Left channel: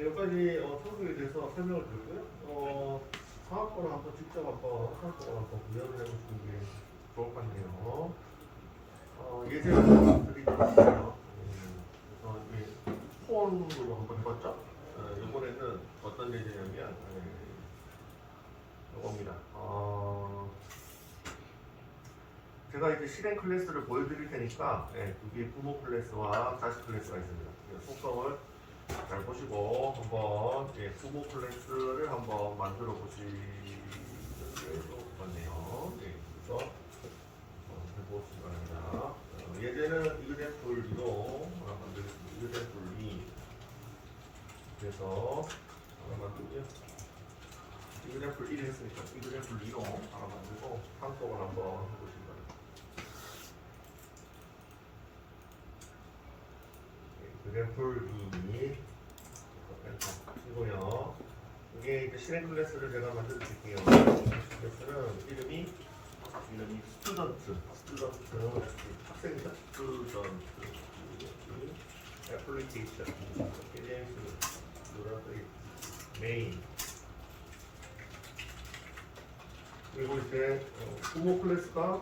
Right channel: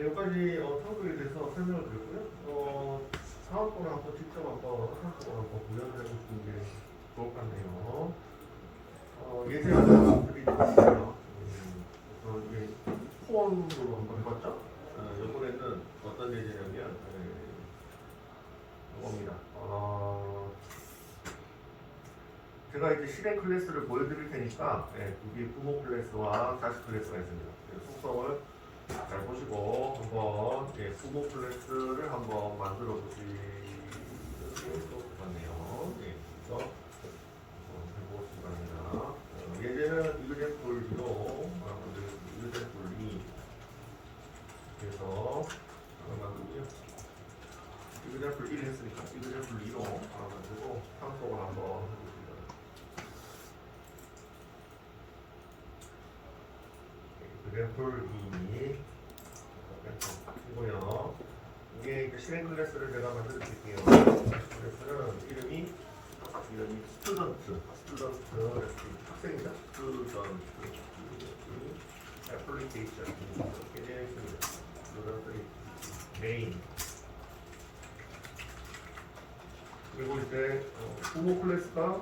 여기까지 성격에 대해서 설명을 드렸고요. 사업권을 한번 직접 사업권을 한번 구현을 해보시는 게 좋을 것 같네요. 예제를 드리겠습니다. 이제 폰으로 한번 해봤죠? 이번에는 어떤 예제냐면 이겁니다. 제가 이제 실행 클래스를 보여드릴 테니까 이게 부모 클래스와 자식 클래스가 있습니다. 속성을 잘 보시고 한번 부모 클래스를 한번 만들어 보시는 게 좋을 것 같네요. 그래서 해보시기 바랍니다. 예제는 example 2로 만들겠습니다. example 2 그래서 만들고요. example 1 했으니까 example 2로 만들고 상속을 한번 해보시기 바랍니다. example 2 이고요. 이게 이제 실행 클래스를 제가 만들어 드릴게요. 클래스는 이름이 스튜던트, 학생이다. 스튜던트, 애플리케이션, 스튜던트, 메인. 그리고 이제 부모 클래스가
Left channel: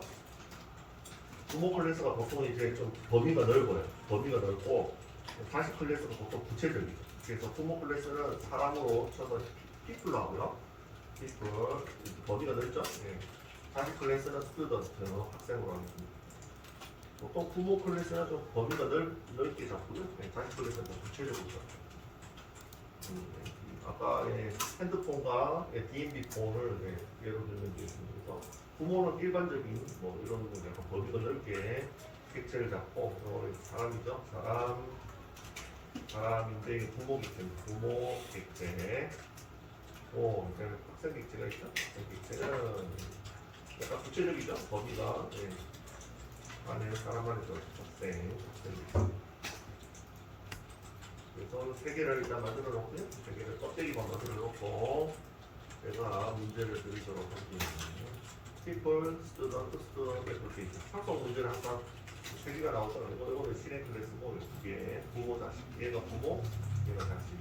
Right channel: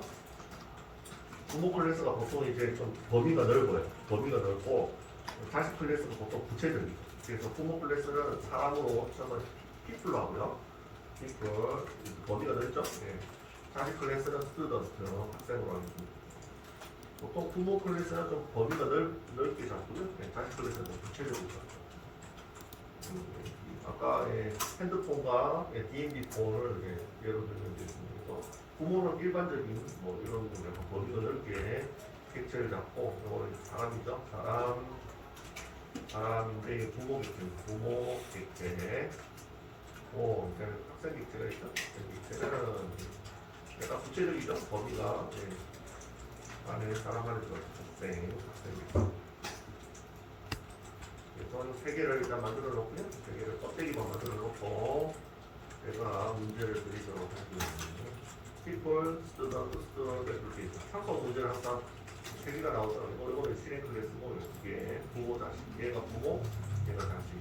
보통 이제 좀 범위가 넓어요. 범위가 넓고 자식 클래스가 보통 구체적이죠. 그래서 부모 클래스는 사람으로 쳐서 people로 하고요. people 범위가 넓죠. 자식 클래스는 student 학생으로 하겠습니다. 보통 부모 클래스는 좀 범위가 넓게 잡고요. 자식 클래스는 좀 구체적이죠. 아까 핸드폰과 DMB 폰을 예로 들면 되겠습니다. 부모는 일반적인 뭐 이런 약간 범위가 넓게 객체를 잡고 사람이죠. 사람인데 부모 객체. 학생 객체가 있죠. 학생 객체는 약간 구체적이죠. 범위가 안에 사람 안에 학생. 그래서 세 개를 일단 만들어 놓고요. 세 개를 껍데기만 만들어 놓고 제가 문제를 드리도록 할게요. people, student, application. 상속 문제를 항상 세 개가 나오잖아요. 이거는 실행 클래스고 이게 부모 자식. 얘가 부모, 얘가 자식.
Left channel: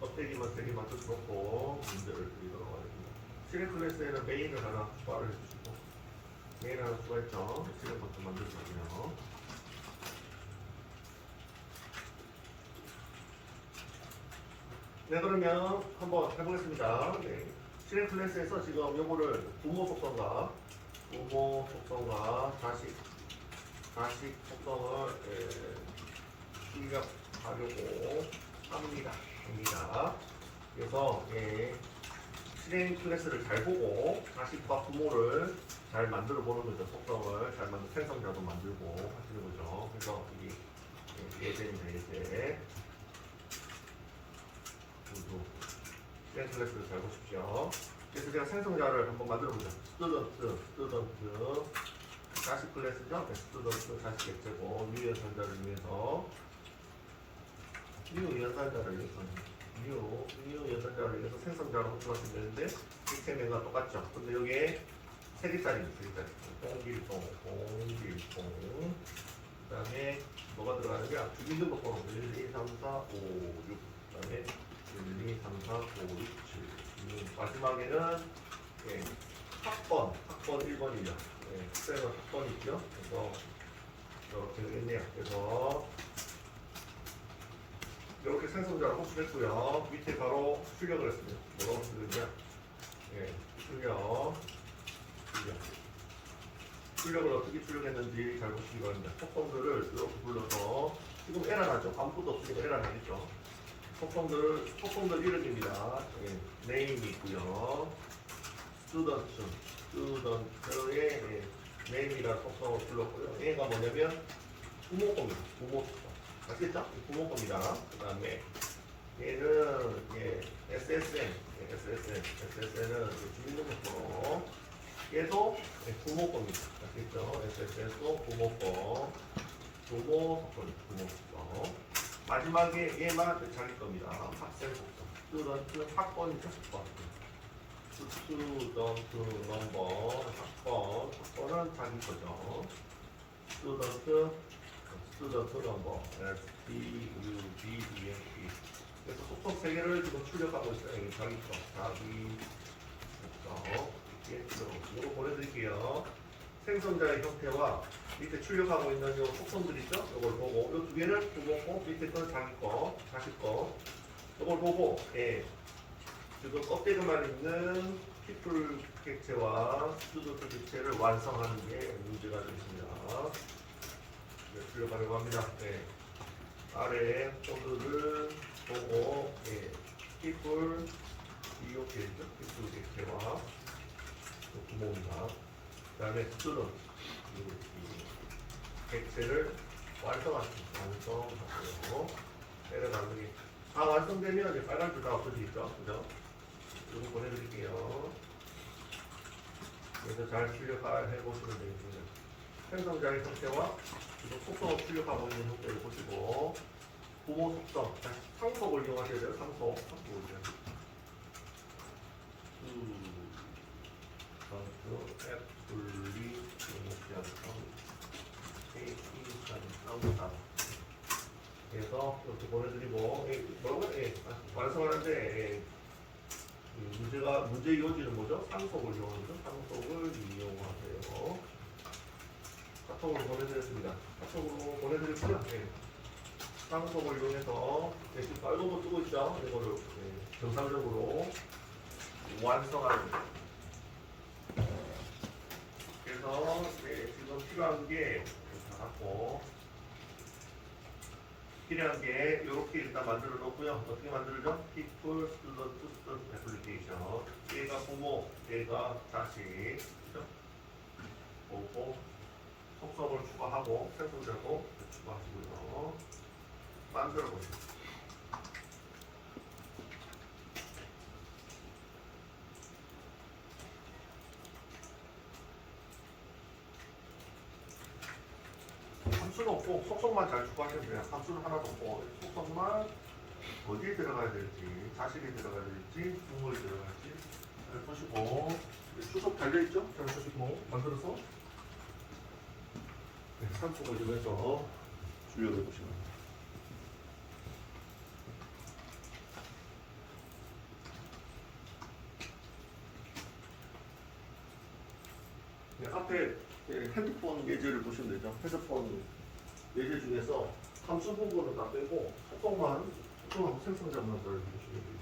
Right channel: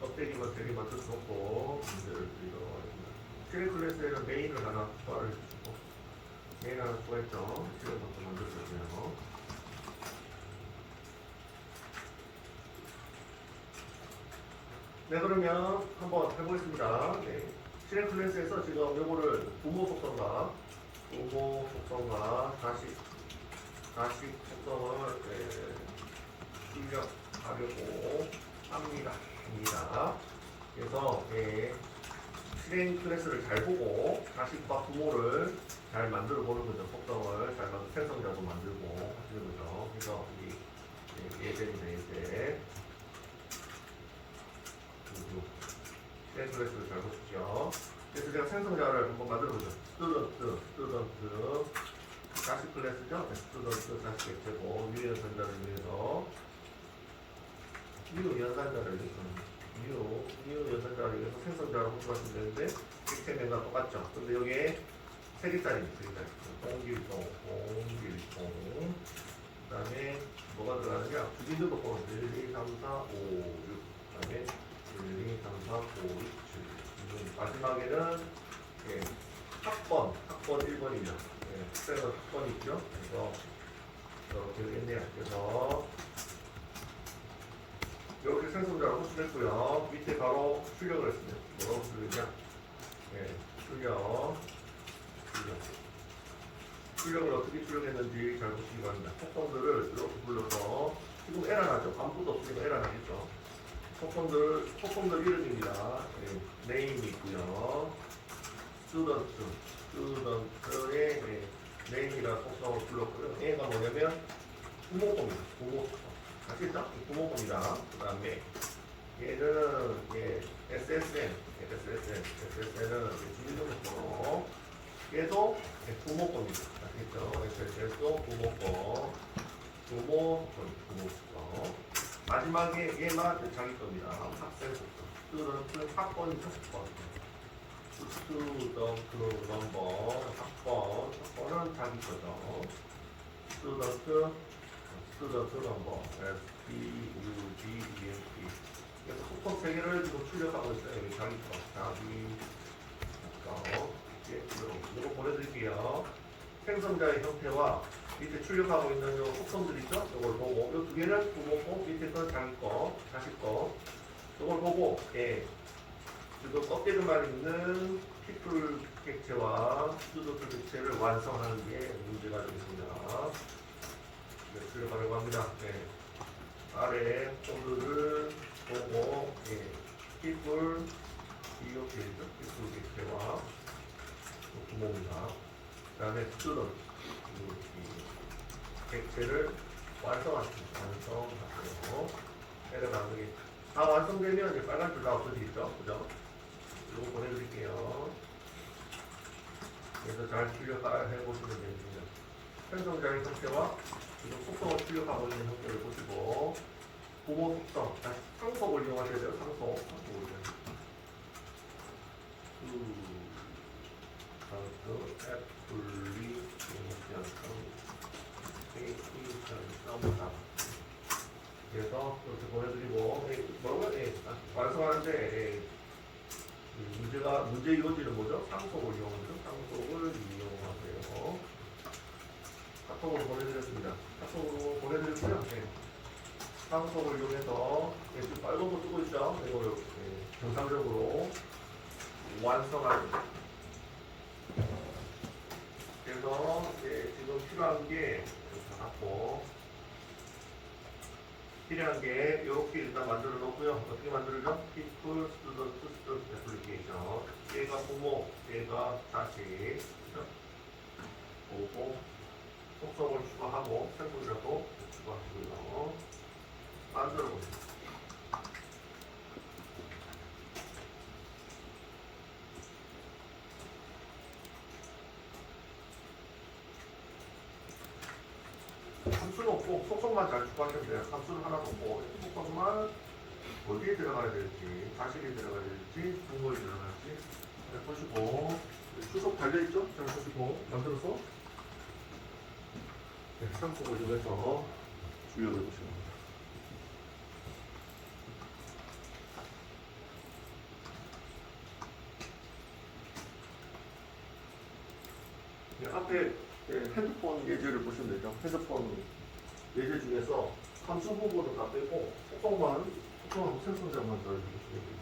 껍데기만 세 개 맞춰놓고 문제를 드리도록 하겠습니다. 실행 클래스에는 메인을 하나 추가를 해주시고 메인 하나 추가했죠. 실행부터 만들어주세요. 네, 그러면 한번 해보겠습니다. 실행 클래스에서 지금 요거를 부모 속성과 자식 속성을 출력하려고 합니다. 그래서 실행 클래스를 잘 보고 자식과 부모를 잘 만들어 보는 거죠. 속성을 잘 생성자도 만들고 하시는 거죠. 그래서 이 예제 실행 클래스를 잘 보십시오. 그래서 제가 생성자를 한번 만들어 보죠. 스튜던트 자식 클래스죠. 스튜던트 자식 객체고 유연산자를 위해서 유연산자를 위해서 생성자로 호출하시면 되는데 객체명과 똑같죠. 근데 여기에 세 개짜리입니다. 공길동 그 다음에 뭐가 들어가느냐 비밀번호 번호 1, 2, 3, 4, 5, 6 그 다음에 1, 2, 3, 4, 5, 6, 7 마지막에는 학번 1번입니다. 학생은 학번이 있죠. 그래서 이렇게 되겠네요. 그래서 이렇게 생성자를 호출했고요. 밑에 바로 출력을 했습니다. 뭐라고 출력이냐? 출력을 어떻게 출력했는지 잘 보시기 바랍니다. 속성들을 이렇게 불러서 지금 에러 나죠? 아무것도 없으니까 에러 나겠죠? 속성들 이름입니다. 네임이 있고요. 스튜던트의 네임이라는 속성을 불렀고요. 얘가 뭐냐면 부모 겁니다. 부모 속성. 아시겠죠? 부모 겁니다. 그 다음에 얘는 SSN은 주민등록번호. 얘도 부모 겁니다. 아시겠죠? SSN도 부모 거. 부모 거. 마지막에 얘만 자기 겁니다. 학생 속성. 스튜던트 학번 속성. 스튜던트 넘버 학번은 자기 거죠. 스튜던트 스튜던트 넘버 STUDENT. 그래서 속성 3개를 지금 출력하고 있어요. 여기 자기처럼 이거 보내드릴게요. 생성자의 형태와 밑에 출력하고 있는 요 속성들 있죠? 이걸 보고 이 2개를 보고 밑에 건 자기 거, 자식 거 이걸 보고 지금 껍데기만 있는 피플 객체와 스튜던트 객체를 완성하는 게 문제가 되겠습니다. 출력하려고 합니다. 아래 폴드를 보고 피플 이렇게 있죠? 피플 객체와 구멍입니다. 그 다음에 스튜던트 객체를 완성하십니다. 완성하고요. 내려가는 게 다 완성되면 이제 빨간 줄 다 없어져 있죠. 그죠? 이거 보내드릴게요. 그래서 잘 출력해 보시면 되겠습니다. 생성자의 형태와 지금 속성을 출력하고 있는 형태를 보시고 부모 속성, 다시 상속을 이용하셔야 돼요. 상속을 애플리 그래서 이렇게 보내드리고 완성하는데 문제 요지는 뭐죠? 상속을 이용하죠. 상속을 이용하세요. 카톡으로 보내드렸습니다. 카톡으로 보내드렸고요. 상속을 이용해서 지금 빨간 거 쓰고 있죠. 이거를 정상적으로 완성하는 거예요. 그래서 지금 필요한 게 이렇게 갖고 필요한 게 이렇게 일단 만들어 놓고요. 어떻게 만들죠? People, Student, Student Application. 얘가 부모, 얘가 자식. 보고 속성을 추가하고 생성자도 추가하시고요. 만들어 보세요. 함수는 없고 속성만 잘 추가하시면 돼요. 함수는 하나도 없고 속성만 어디에 들어가야 될지, 자식이 들어가야 될지, 부모에 들어갈지 보시고 수속 달려있죠? 잘 보시고 만들어서 상속을 좀 해서 주요를 보시면 됩니다. 앞에 핸드폰 예제를 보시면 되죠. 핸드폰 예제 중에서 함수 부분은 다 빼고 속성하고 생성자만 넣어주시면 됩니다.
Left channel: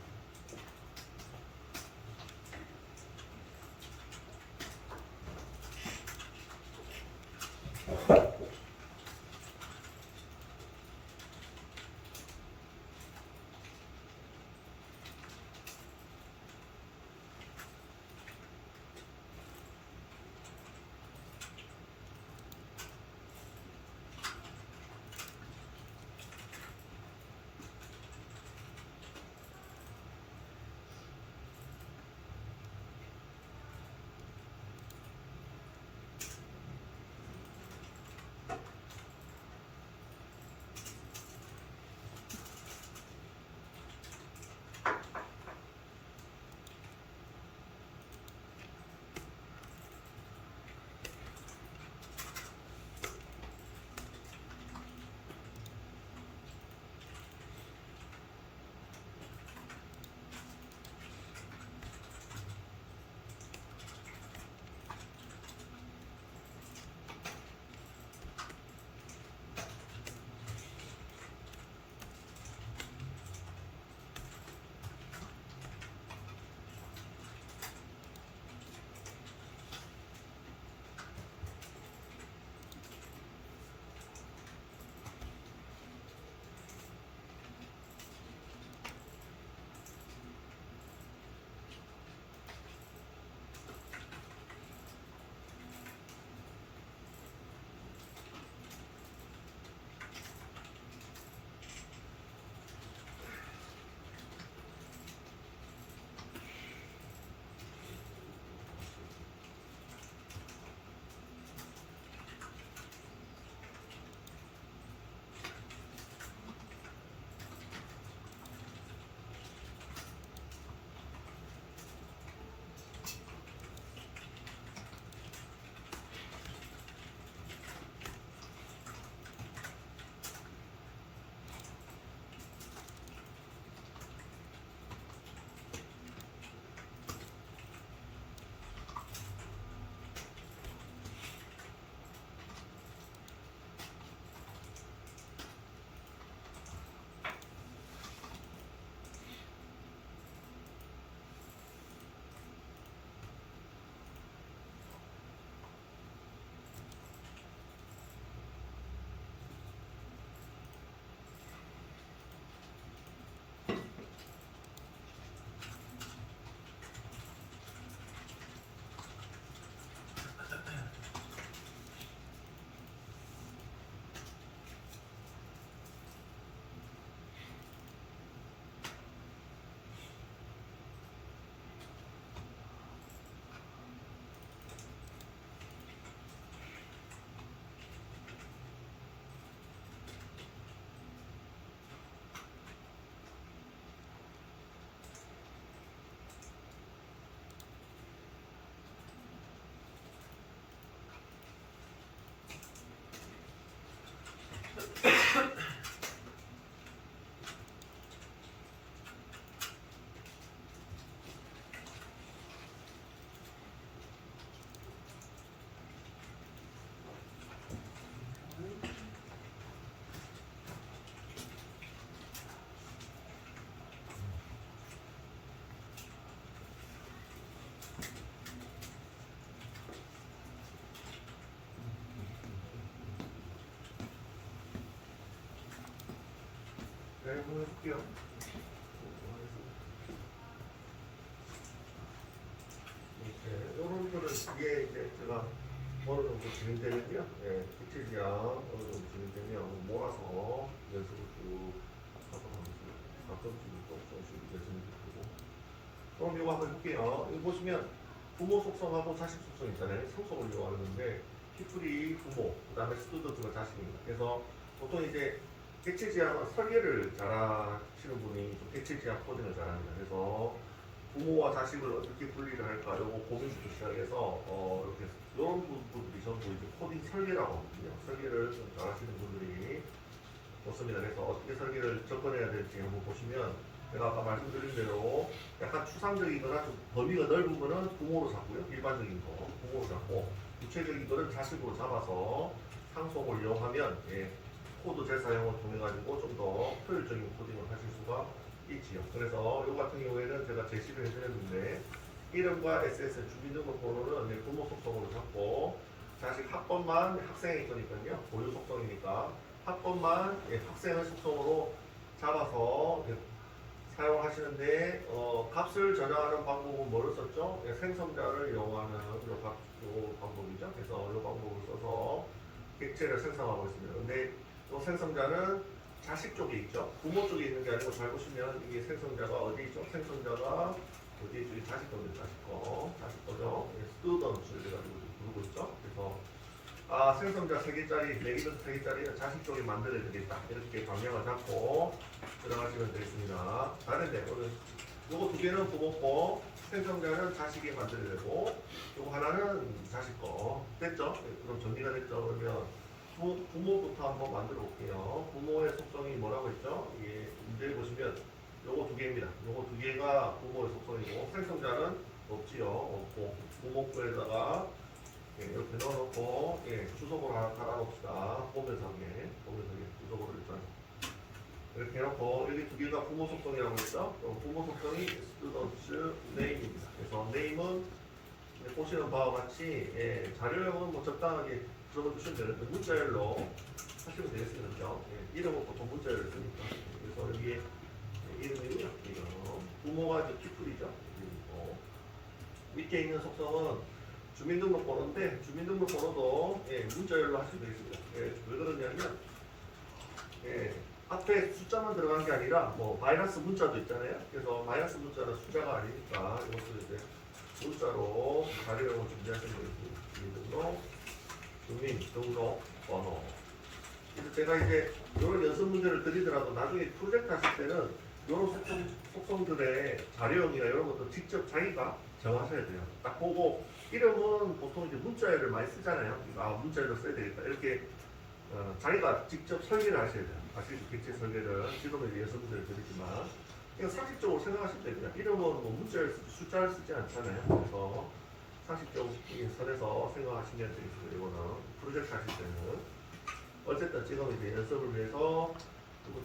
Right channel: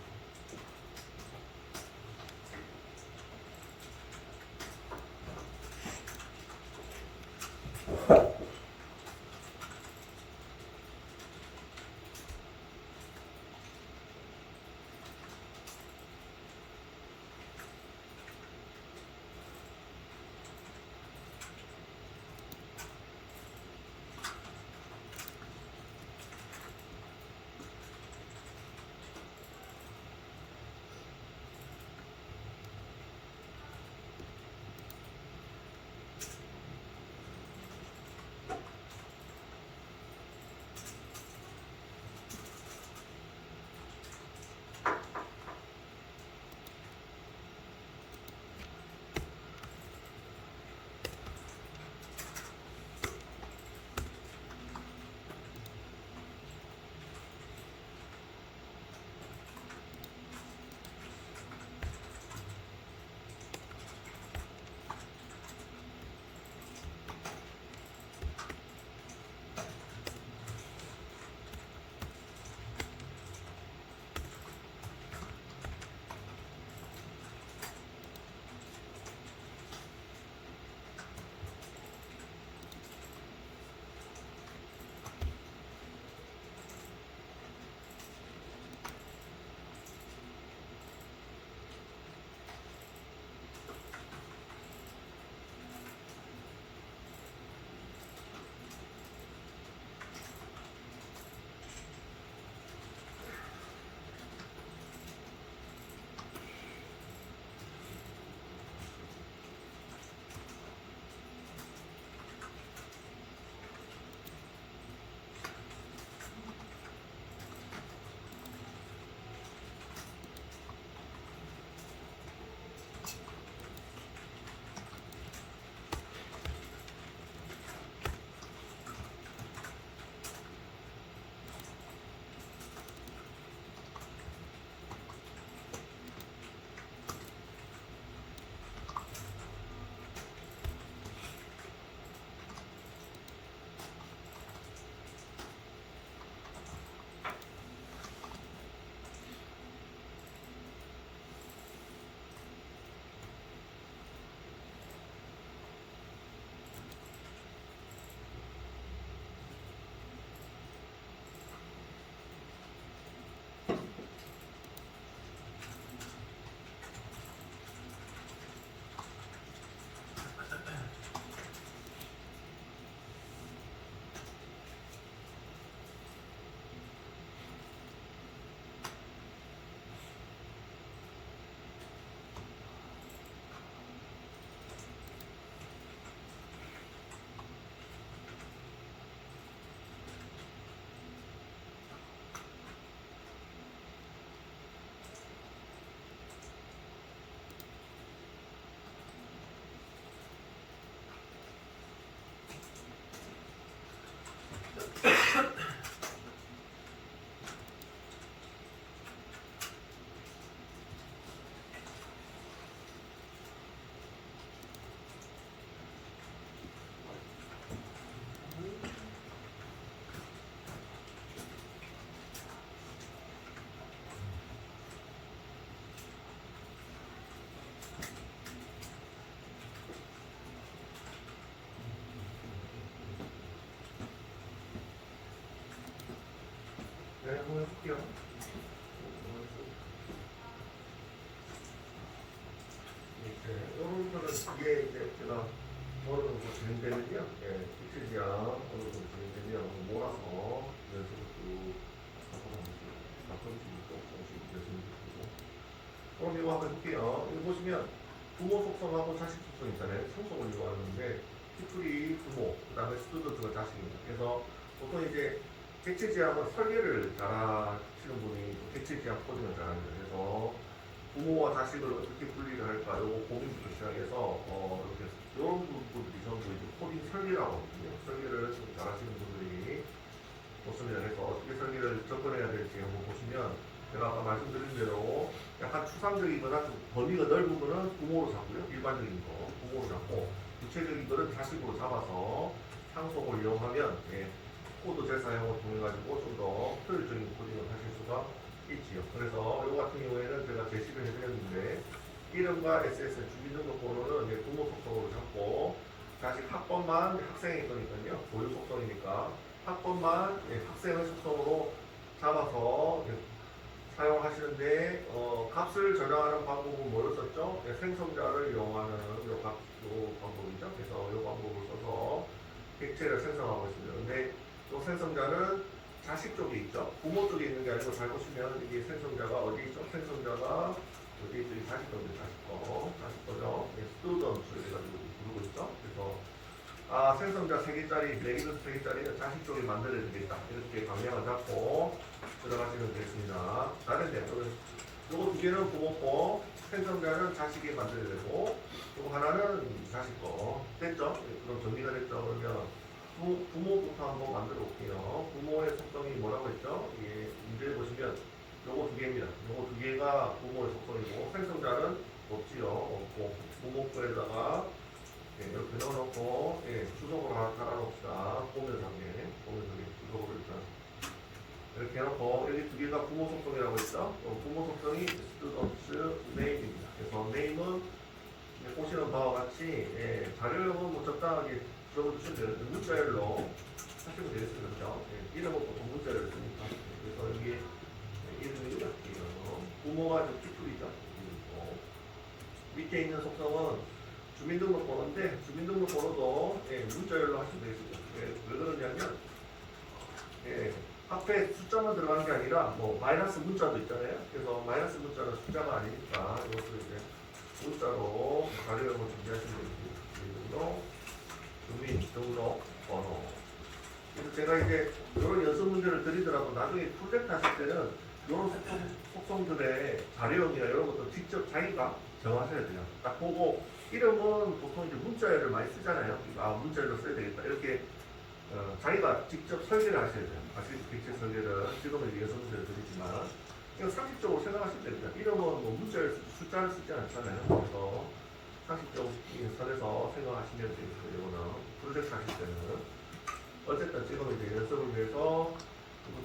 네, 한번 해볼게요. 이런 거는 뒤에 이제 제가 어느 정도 진행되면요. 예, 구체지향 어느 정도 진행되면 몰아서 연습을 쭉 가끔씩 또 조금씩 연습을 해보고. 그럼 이거 한번 해볼게요. 이거 보시면 부모 속성하고 자식 속성 있잖아요. 상속을 이용하는데 피플이 부모, 그 다음에 스튜던트가 자식입니다. 그래서 보통 이제 객체지향은 설계를 잘하시는 분이 객체지향 코딩을 잘합니다. 그래서 부모와 자식을 어떻게 분리를 할까 요거 고민부터 시작해서 이렇게 이런 부분들이 전부 이제 코딩 설계라고 하거든요. 설계를 좀 잘하시는 분들이 좋습니다. 그래서 어떻게 설계를 접근해야 될지 한번 보시면 제가 아까 말씀드린 대로 약간 추상적이거나 좀 범위가 넓은 거는 부모로 잡고요. 일반적인 거 부모로 잡고 구체적인 거는 자식으로 잡아서 상속을 이용하면 코드 재사용을 통해 가지고 좀 더 효율적인 코딩을 하실 수가 있지요. 그래서 이 같은 경우에는 제가 제시를 해드렸는데 이름과 SSN 주민등록번호는 부모 속성으로 잡고 자식 학번만 학생의 거니까요. 보유 속성이니까 학번만 학생의 속성으로 잡아서 사용하시는데 값을 저장하는 방법은 뭐를 썼죠? 생성자를 이용하는 요 방법이죠. 그래서 이 방법을 써서 객체를 생성하고 있습니다. 근데 이 생성자는 자식 쪽에 있죠. 부모 쪽에 있는 게 아니고 잘 보시면 이게 생성자가 어디 있죠? 생성자가 어디 있죠? 자식 거죠. 자식 거죠. 스튜던트 해가지고 부르고 있죠. 그래서 생성자 3개짜리, 레기던스 3개짜리는 자식 쪽에 만들어야 되겠다. 이렇게 방향을 잡고 들어가시면 되겠습니다. 다른데 요거 2개는 부모 거, 생성자는 자식이 만들어야 되고 요거 하나는 자식 거. 됐죠? 그럼 정리가 됐죠? 그러면 부모부터 한번 만들어 볼게요. 부모의 속성이 뭐라고 했죠? 이게 문제에 보시면 요거 2개입니다. 요거 2개가 부모의 속성이고 생성자는 없지요. 없고 부모 거에다가 이렇게 넣어놓고 주소를 하나 달아놓읍시다. 보면서 주소를 일단 이렇게 해놓고 여기 2개가 부모 속성이라고 했죠? 부모 속성이 students name입니다. 그래서 name은 보시는 바와 같이 자료형은 뭐 적당하게 들어주시면 되는데 문자열로 하시면 되겠습니다. 그죠? 이름은 보통 문자열을 쓰니까 그래서 여기에 이름이고요. 부모가 이제 피플이죠. 밑에 있는 속성은 주민등록번호인데 주민등록번호도 문자열로 하시면 되겠습니다. 왜 그러냐면 앞에 숫자만 들어가는 게 아니라 뭐 마이너스 문자도 있잖아요. 그래서 마이너스 문자는 숫자가 아니니까 이것을 이제 문자로 자료형을 준비하시면 되겠습니다. 주민등록번호. 그래서 제가 이제 이런 연습 문제를 드리더라도 나중에 프로젝트 하실 때는 이런 속성들의 자료형이나 이런 것도 직접 자기가 정하셔야 돼요. 딱 보고 이름은 보통 이제 문자열을 많이 쓰잖아요. 문자열로 써야 되겠다. 이렇게 자기가 직접 설계를 하셔야 돼요. 객체 설계를 지금은 이제 연습 문제를 드리지만 그냥 상식적으로 생각하실 때입니다. 이름은 뭐 문자열 숫자를 쓰지 않잖아요. 그래서 상식적인 선에서 생각하시면 되겠고 이거는 프로젝트 하실 때는 어쨌든 지금 이제 연습을 위해서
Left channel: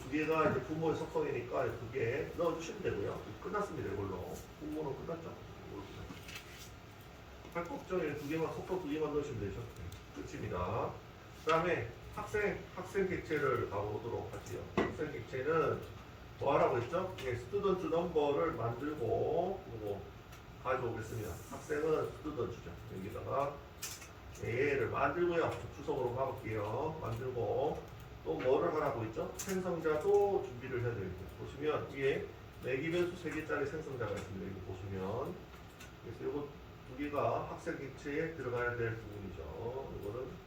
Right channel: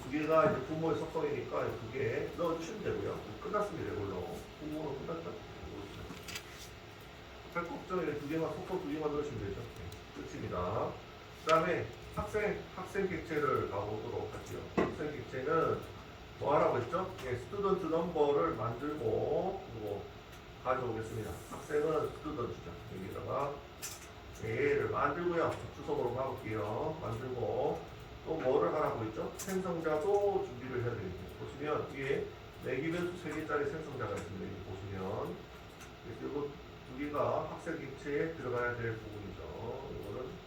두 개가 이제 부모의 속성이니까 2개 넣어주시면 되고요. 끝났습니다. 이걸로 부모는 끝났죠? 할 걱정에 2개만 속성 2개만 넣으시면 되죠. 끝입니다. 그 다음에 학생 객체를 가보도록 하죠. 학생 객체는 뭐 하라고 했죠? 스튜던트 넘버를 만들고 그리고 가져오겠습니다. 학생은 스튜던트죠. 여기다가 얘를 만들고요. 주소로 가볼게요. 만들고 또 뭐를 하라고 했죠? 생성자도 준비를 해야 되겠죠. 보시면 뒤에 매기변수 3개짜리 생성자가 있습니다. 여기 보시면 그래서 이거 2개가 학생 객체에 들어가야 될 부분이죠. 이거는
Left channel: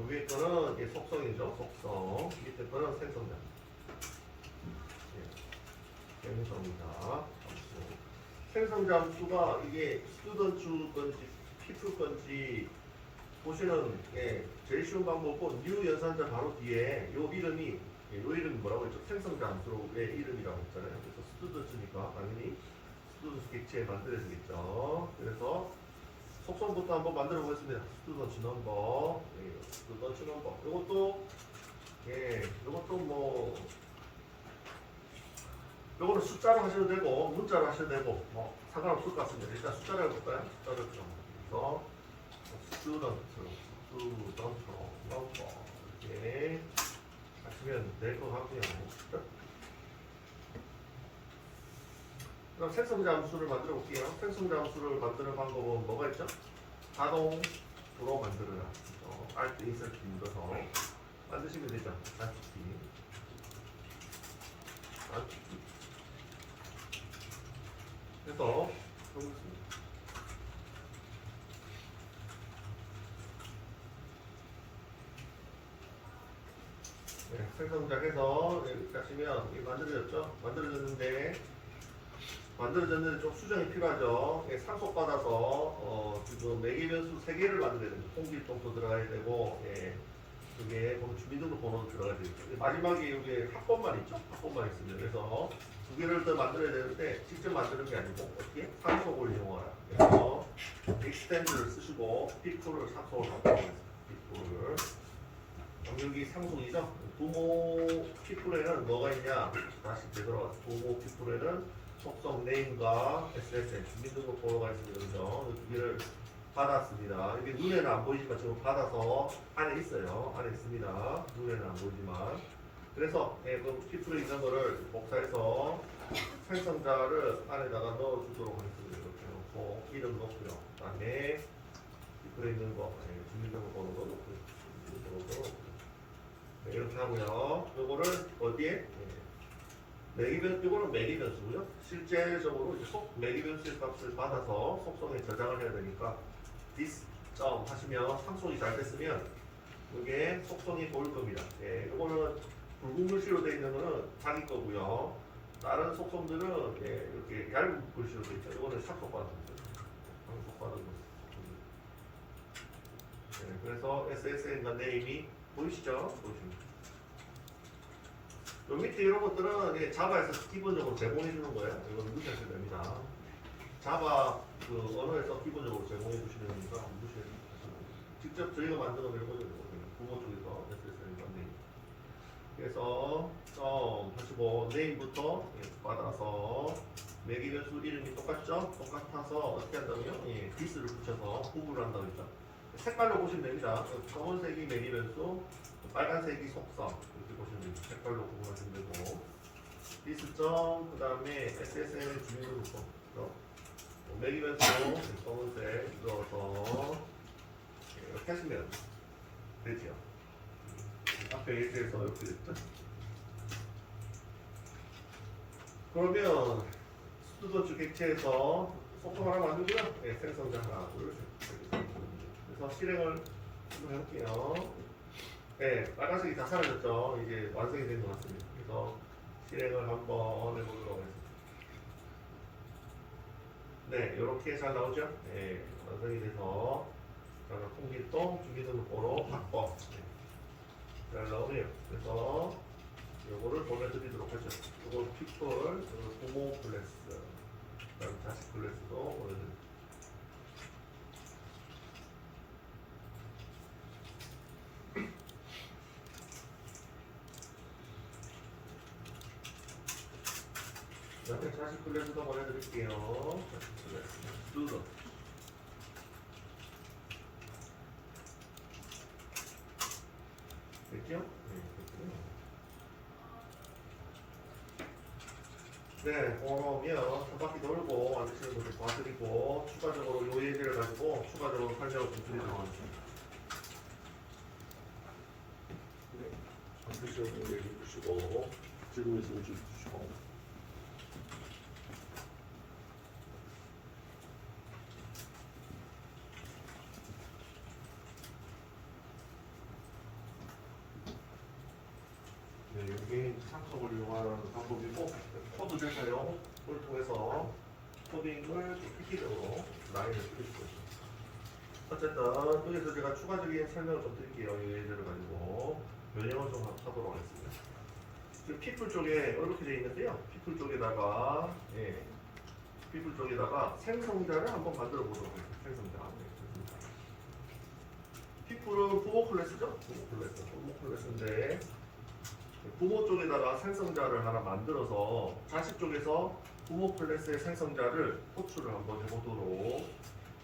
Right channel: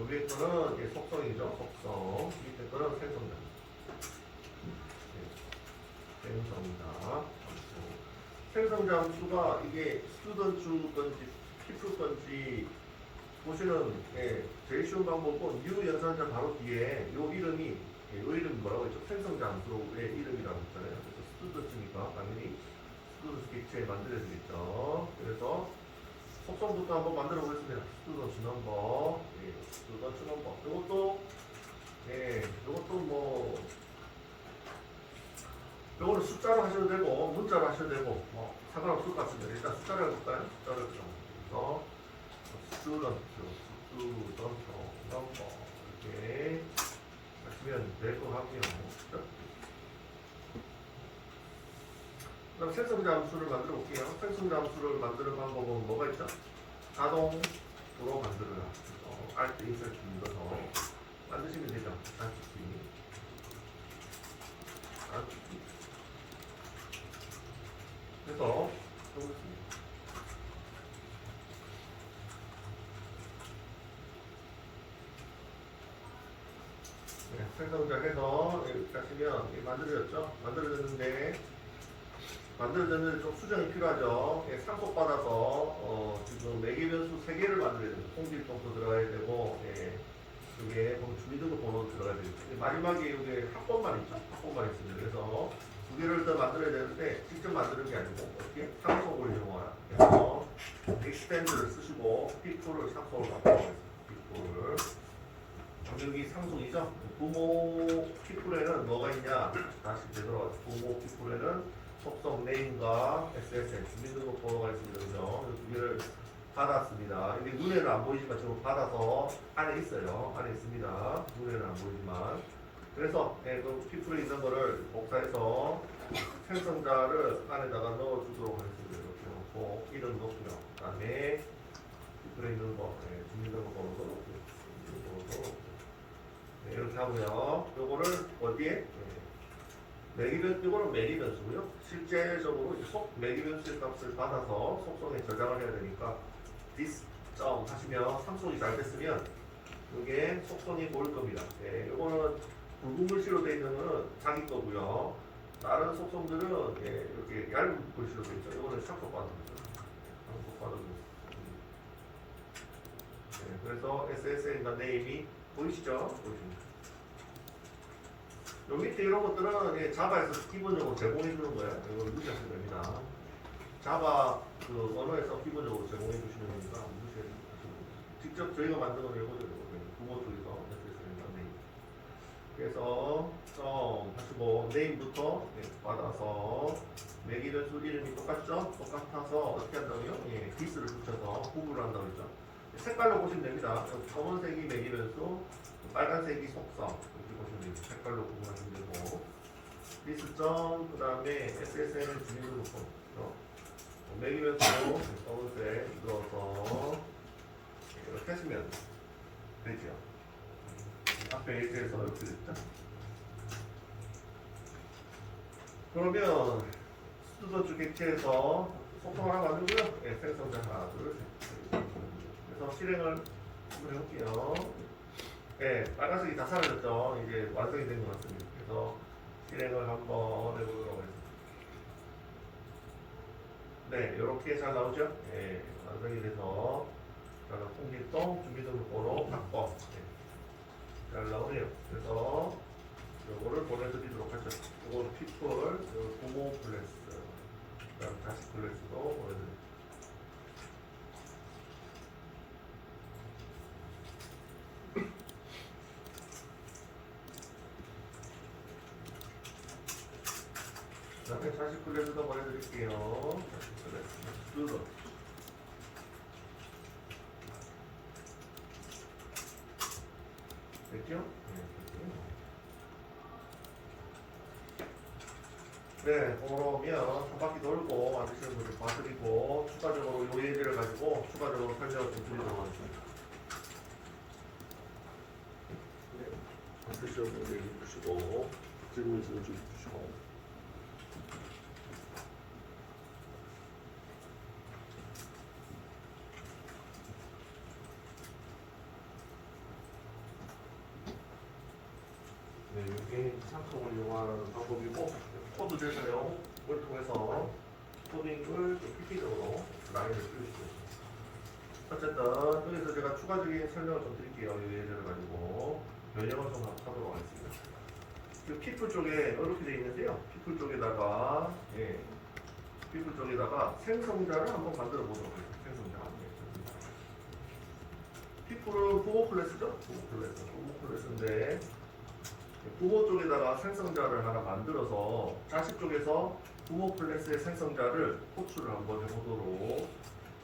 여기 거는 속성이죠. 속성. 밑에 거는 생성자. 생성자. 생성자 함수가 이게 스튜던트 건지 피플 건지 보시는 제일 쉬운 방법은 new 연산자 바로 뒤에 요 이름이 뭐라고 했죠? 생성자 함수의 이름이라고 했잖아요. 그래서 스튜던트니까 당연히 스튜던트 객체에 만들어지겠죠. 그래서 속성부터 한번 만들어 보겠습니다. 스튜던트 넘버, 스튜던트 넘버. 이것도 뭐 요거는 숫자로 하셔도 되고 문자로 하셔도 되고 뭐 상관없을 것 같습니다. 일단 숫자로 해볼까요? 숫자로 해서 스튜던트 넘버 이렇게 하시면 될 것 같고요. 그럼 생성자 함수를 만들어 볼게요. 생성자 함수를 만드는 방법은 뭐가 있죠? 자동으로 만들어라. Alt 인서트 눌러서 만드시면 되죠. Alt. 그래서 해보겠습니다. 네, 생성작해서 여기 가시면 만들어졌죠? 만들어졌는데 좀 수정이 필요하죠. 예, 상속받아서 지금 매개 변수 3개를 만들어야 됩니다. 통지일동도 들어가야 되고, 예, 여기에 주민등록번호 들어가야 되겠죠. 마지막에 여기 합본만 있죠? 합본만 있습니다. 그래서 2개를 더 만들어야 되는데 직접 만드는 게 아니고 어떻게? 상속을 이용하라. 그래서 extend를 쓰시고 픽토를 상속을 바꿔보겠습니다. 픽토를. 여기 상속이죠? 부모 픽토에는 뭐가 있냐? 다시 되돌아가서 부모 픽토에는 속성 네임과 SSN 주민등록번호가 있습니다. 그죠? 2개를 받았습니다. 이게 눈에는 안 보이지만 지금 받아서 안에 있어요. 안에 있습니다. 눈에는 안 보이지만. 그래서 그 피플에 있는 거를 복사해서 생성자를 안에다가 넣어주도록 하겠습니다. 이렇게 넣고 이름 넣고요. 그 다음에 피플에 있는 거 주민등록번호도 넣고 주민등록번호도 넣고 네, 이렇게 하고요. 이거를 어디에? 이거는 매기 변수고요. 실제적으로 이제 매기 변수의 값을 받아서 속성에 저장을 해야 되니까 this 점 하시면 상속이 잘 됐으면 이게 속성이 보일 겁니다. 예, 이거는 붉은 글씨로 되어 있는 거는 자기 거고요. 다른 속성들은 예, 이렇게 얇은 글씨로 되어 있죠. 이거는 상속받은 거죠. 상속받은 거. 예, 그래서 SSN과 네임이 보이시죠? 보이십니다. 요 밑에 이런 것들은 예, 자바에서 기본적으로 제공해 주는 거예요. 이거 누르셔야 됩니다. 자바 그 언어에서 기본적으로 제공해 주시는 거니까 누르셔야 됩니다. 직접 저희가 만든 건 이거죠. 부모 쪽에서 SSN 네임. 그래서 하시고 네임부터 예, 받아서 매기 변수 이름이 똑같죠? 똑같아서 어떻게 한다고요? 예, 디스를 붙여서 구분을 한다고 했죠. 색깔로 보시면 됩니다. 검은색이 매기 변수, 빨간색이 속성 이렇게 보시면 됩니다. 색깔로 구분하시면 되고 디스점 그 다음에 SSN을 주민등록번호 매기 변수 검은색 넣어서 이렇게 하시면 되죠. 앞에 일제에서 이렇게 됐죠. 그러면 스튜던트 객체에서 속성 하나 만들고요. 네, 생성자 하나, 둘, 셋. 그래서 실행을 한번 해볼게요. 네, 빨간색이 다 사라졌죠. 이제 완성이 된 것 같습니다. 그래서 실행을 한번 해보도록 하겠습니다. 네, 이렇게 잘 나오죠? 네, 완성이 돼서 통일동 주민등록번호 바꿔. 네, 잘 나오네요. 그래서 요거를 보내드리도록 하죠. 요거 픽돌, 요거 부모 플래스, 그 다음 다시 플래스도 보내드립니다. 그 다음에 다시 플래스도 보내드릴게요. 다시 플래스, 스튜던. 됐죠? 네, 그러면 한 바퀴 돌고 만드시는 분들 봐드리고 추가적으로 요 예제를 가지고 추가적으로 설명을 좀 드리도록 하겠습니다. 네, 만드시는 분들 얘기해 주시고 들고 있어 주시고 네, 이게 상속을 이용하는 방법이고 코드 제사용을 통해서 코딩을 획기적으로 라인을 그려주고 있습니다. 어쨌든 여기서 제가 추가적인 설명을 좀 드릴게요. 이 예제를 가지고 변형을 좀 하도록 하겠습니다. 그 피플 쪽에 이렇게 되어 있는데요. 피플 쪽에다가 피플 쪽에다가 생성자를 한번 만들어 보도록 하겠습니다. 생성자. 피플은 부모 클래스죠? 부모 클래스인데 부모 쪽에다가 생성자를 하나 만들어서 자식 쪽에서 부모 클래스의 생성자를 호출을 한번 해보도록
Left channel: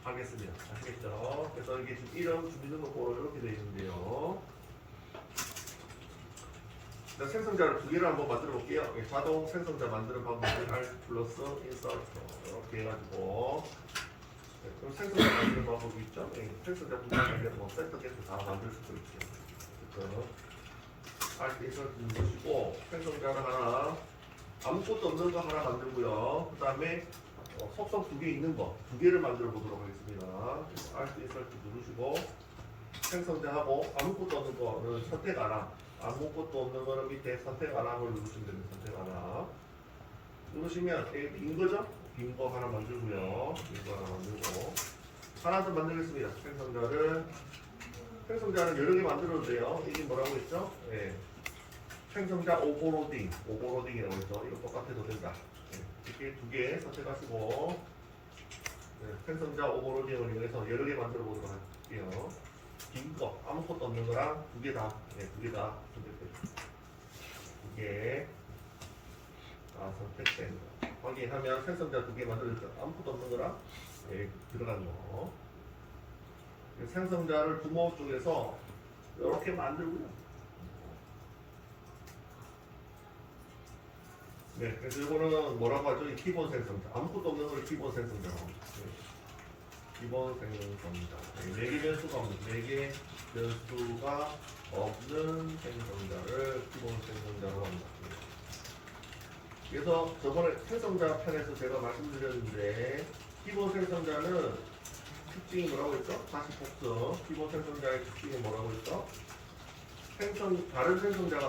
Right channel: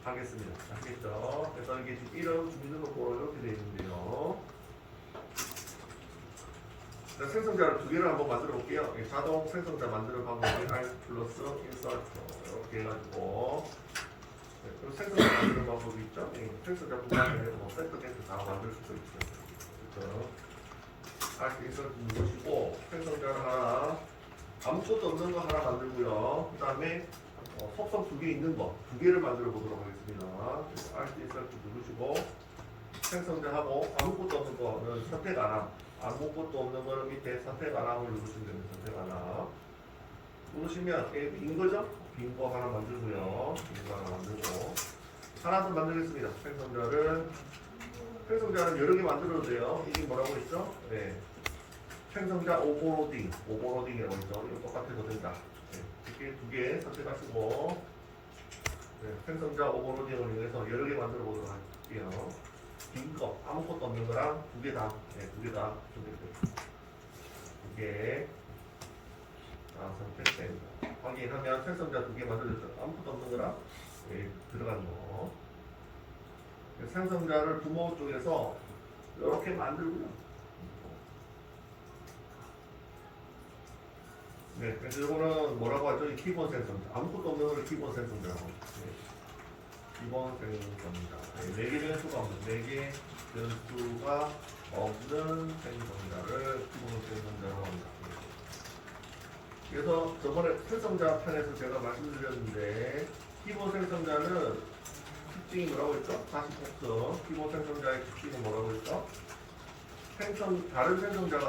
하겠습니다. 아시겠죠? 그래서 이게 지금 이름 주민등록번호 이렇게 되어 있는데요. 자, 생성자를 두 개를 한번 만들어 볼게요. 예, 자동 생성자 만드는 방법은 Alt 플러스 인서트 이렇게 해가지고 네, 그럼 생성자 만드는 방법이 있죠. 예, 생성자 구간에 뭐 센터 겐트 다 만들 수도 있죠. 그래서 Alt 인서트 누르시고 생성자를 하나 아무것도 없는 거 하나 만들고요. 그 다음에 속성 두 개 있는 거 두 개를 만들어 보도록 하겠습니다. Alt 인서트 누르시고 생성자하고 아무것도 없는 거는 선택 안 함. 아무것도 없는 거는 밑에 선택 안 함을 누르시면 됩니다. 선택 안 함. 누르시면 빈 거죠? 빈 거 하나 만들고요. 빈 거 하나 만들고 하나 더 만들겠습니다. 생성자는 여러 개 만들어도 돼요. 이게 뭐라고 했죠? 네. 생성자 오버로딩이라고 했죠. 이거 똑같아도 된다. 네. 이렇게 두 개 선택하시고 네. 생성자 오버로딩을 이용해서 여러 개 만들어 보도록 할게요. 빈 거, 아무것도 없는 거랑 두 개 다, 네, 두 개 다 선택돼요. 두 개 다 선택된 거. 확인하면 생성자 두 개 만들어졌죠. 아무것도 없는 거랑 네, 들어간 거. 생성자를 부모 쪽에서 이렇게 만들고요. 네, 그래서 이거는 뭐라고 하죠? 이 기본 생성자. 아무것도 없는 걸 기본 생성자라고 하죠. 네. 기본 생성자. 네 개 변수가 없는, 4개 변수가 없는 생성자를 기본 생성자로 합니다. 그래서 저번에 생성자 편에서 제가 말씀드렸는데, 기본 생성자는 특징이 뭐라고 했죠? 다시 복습. 기본 생성자의 특징은 뭐라고 했죠? 다른 생성자가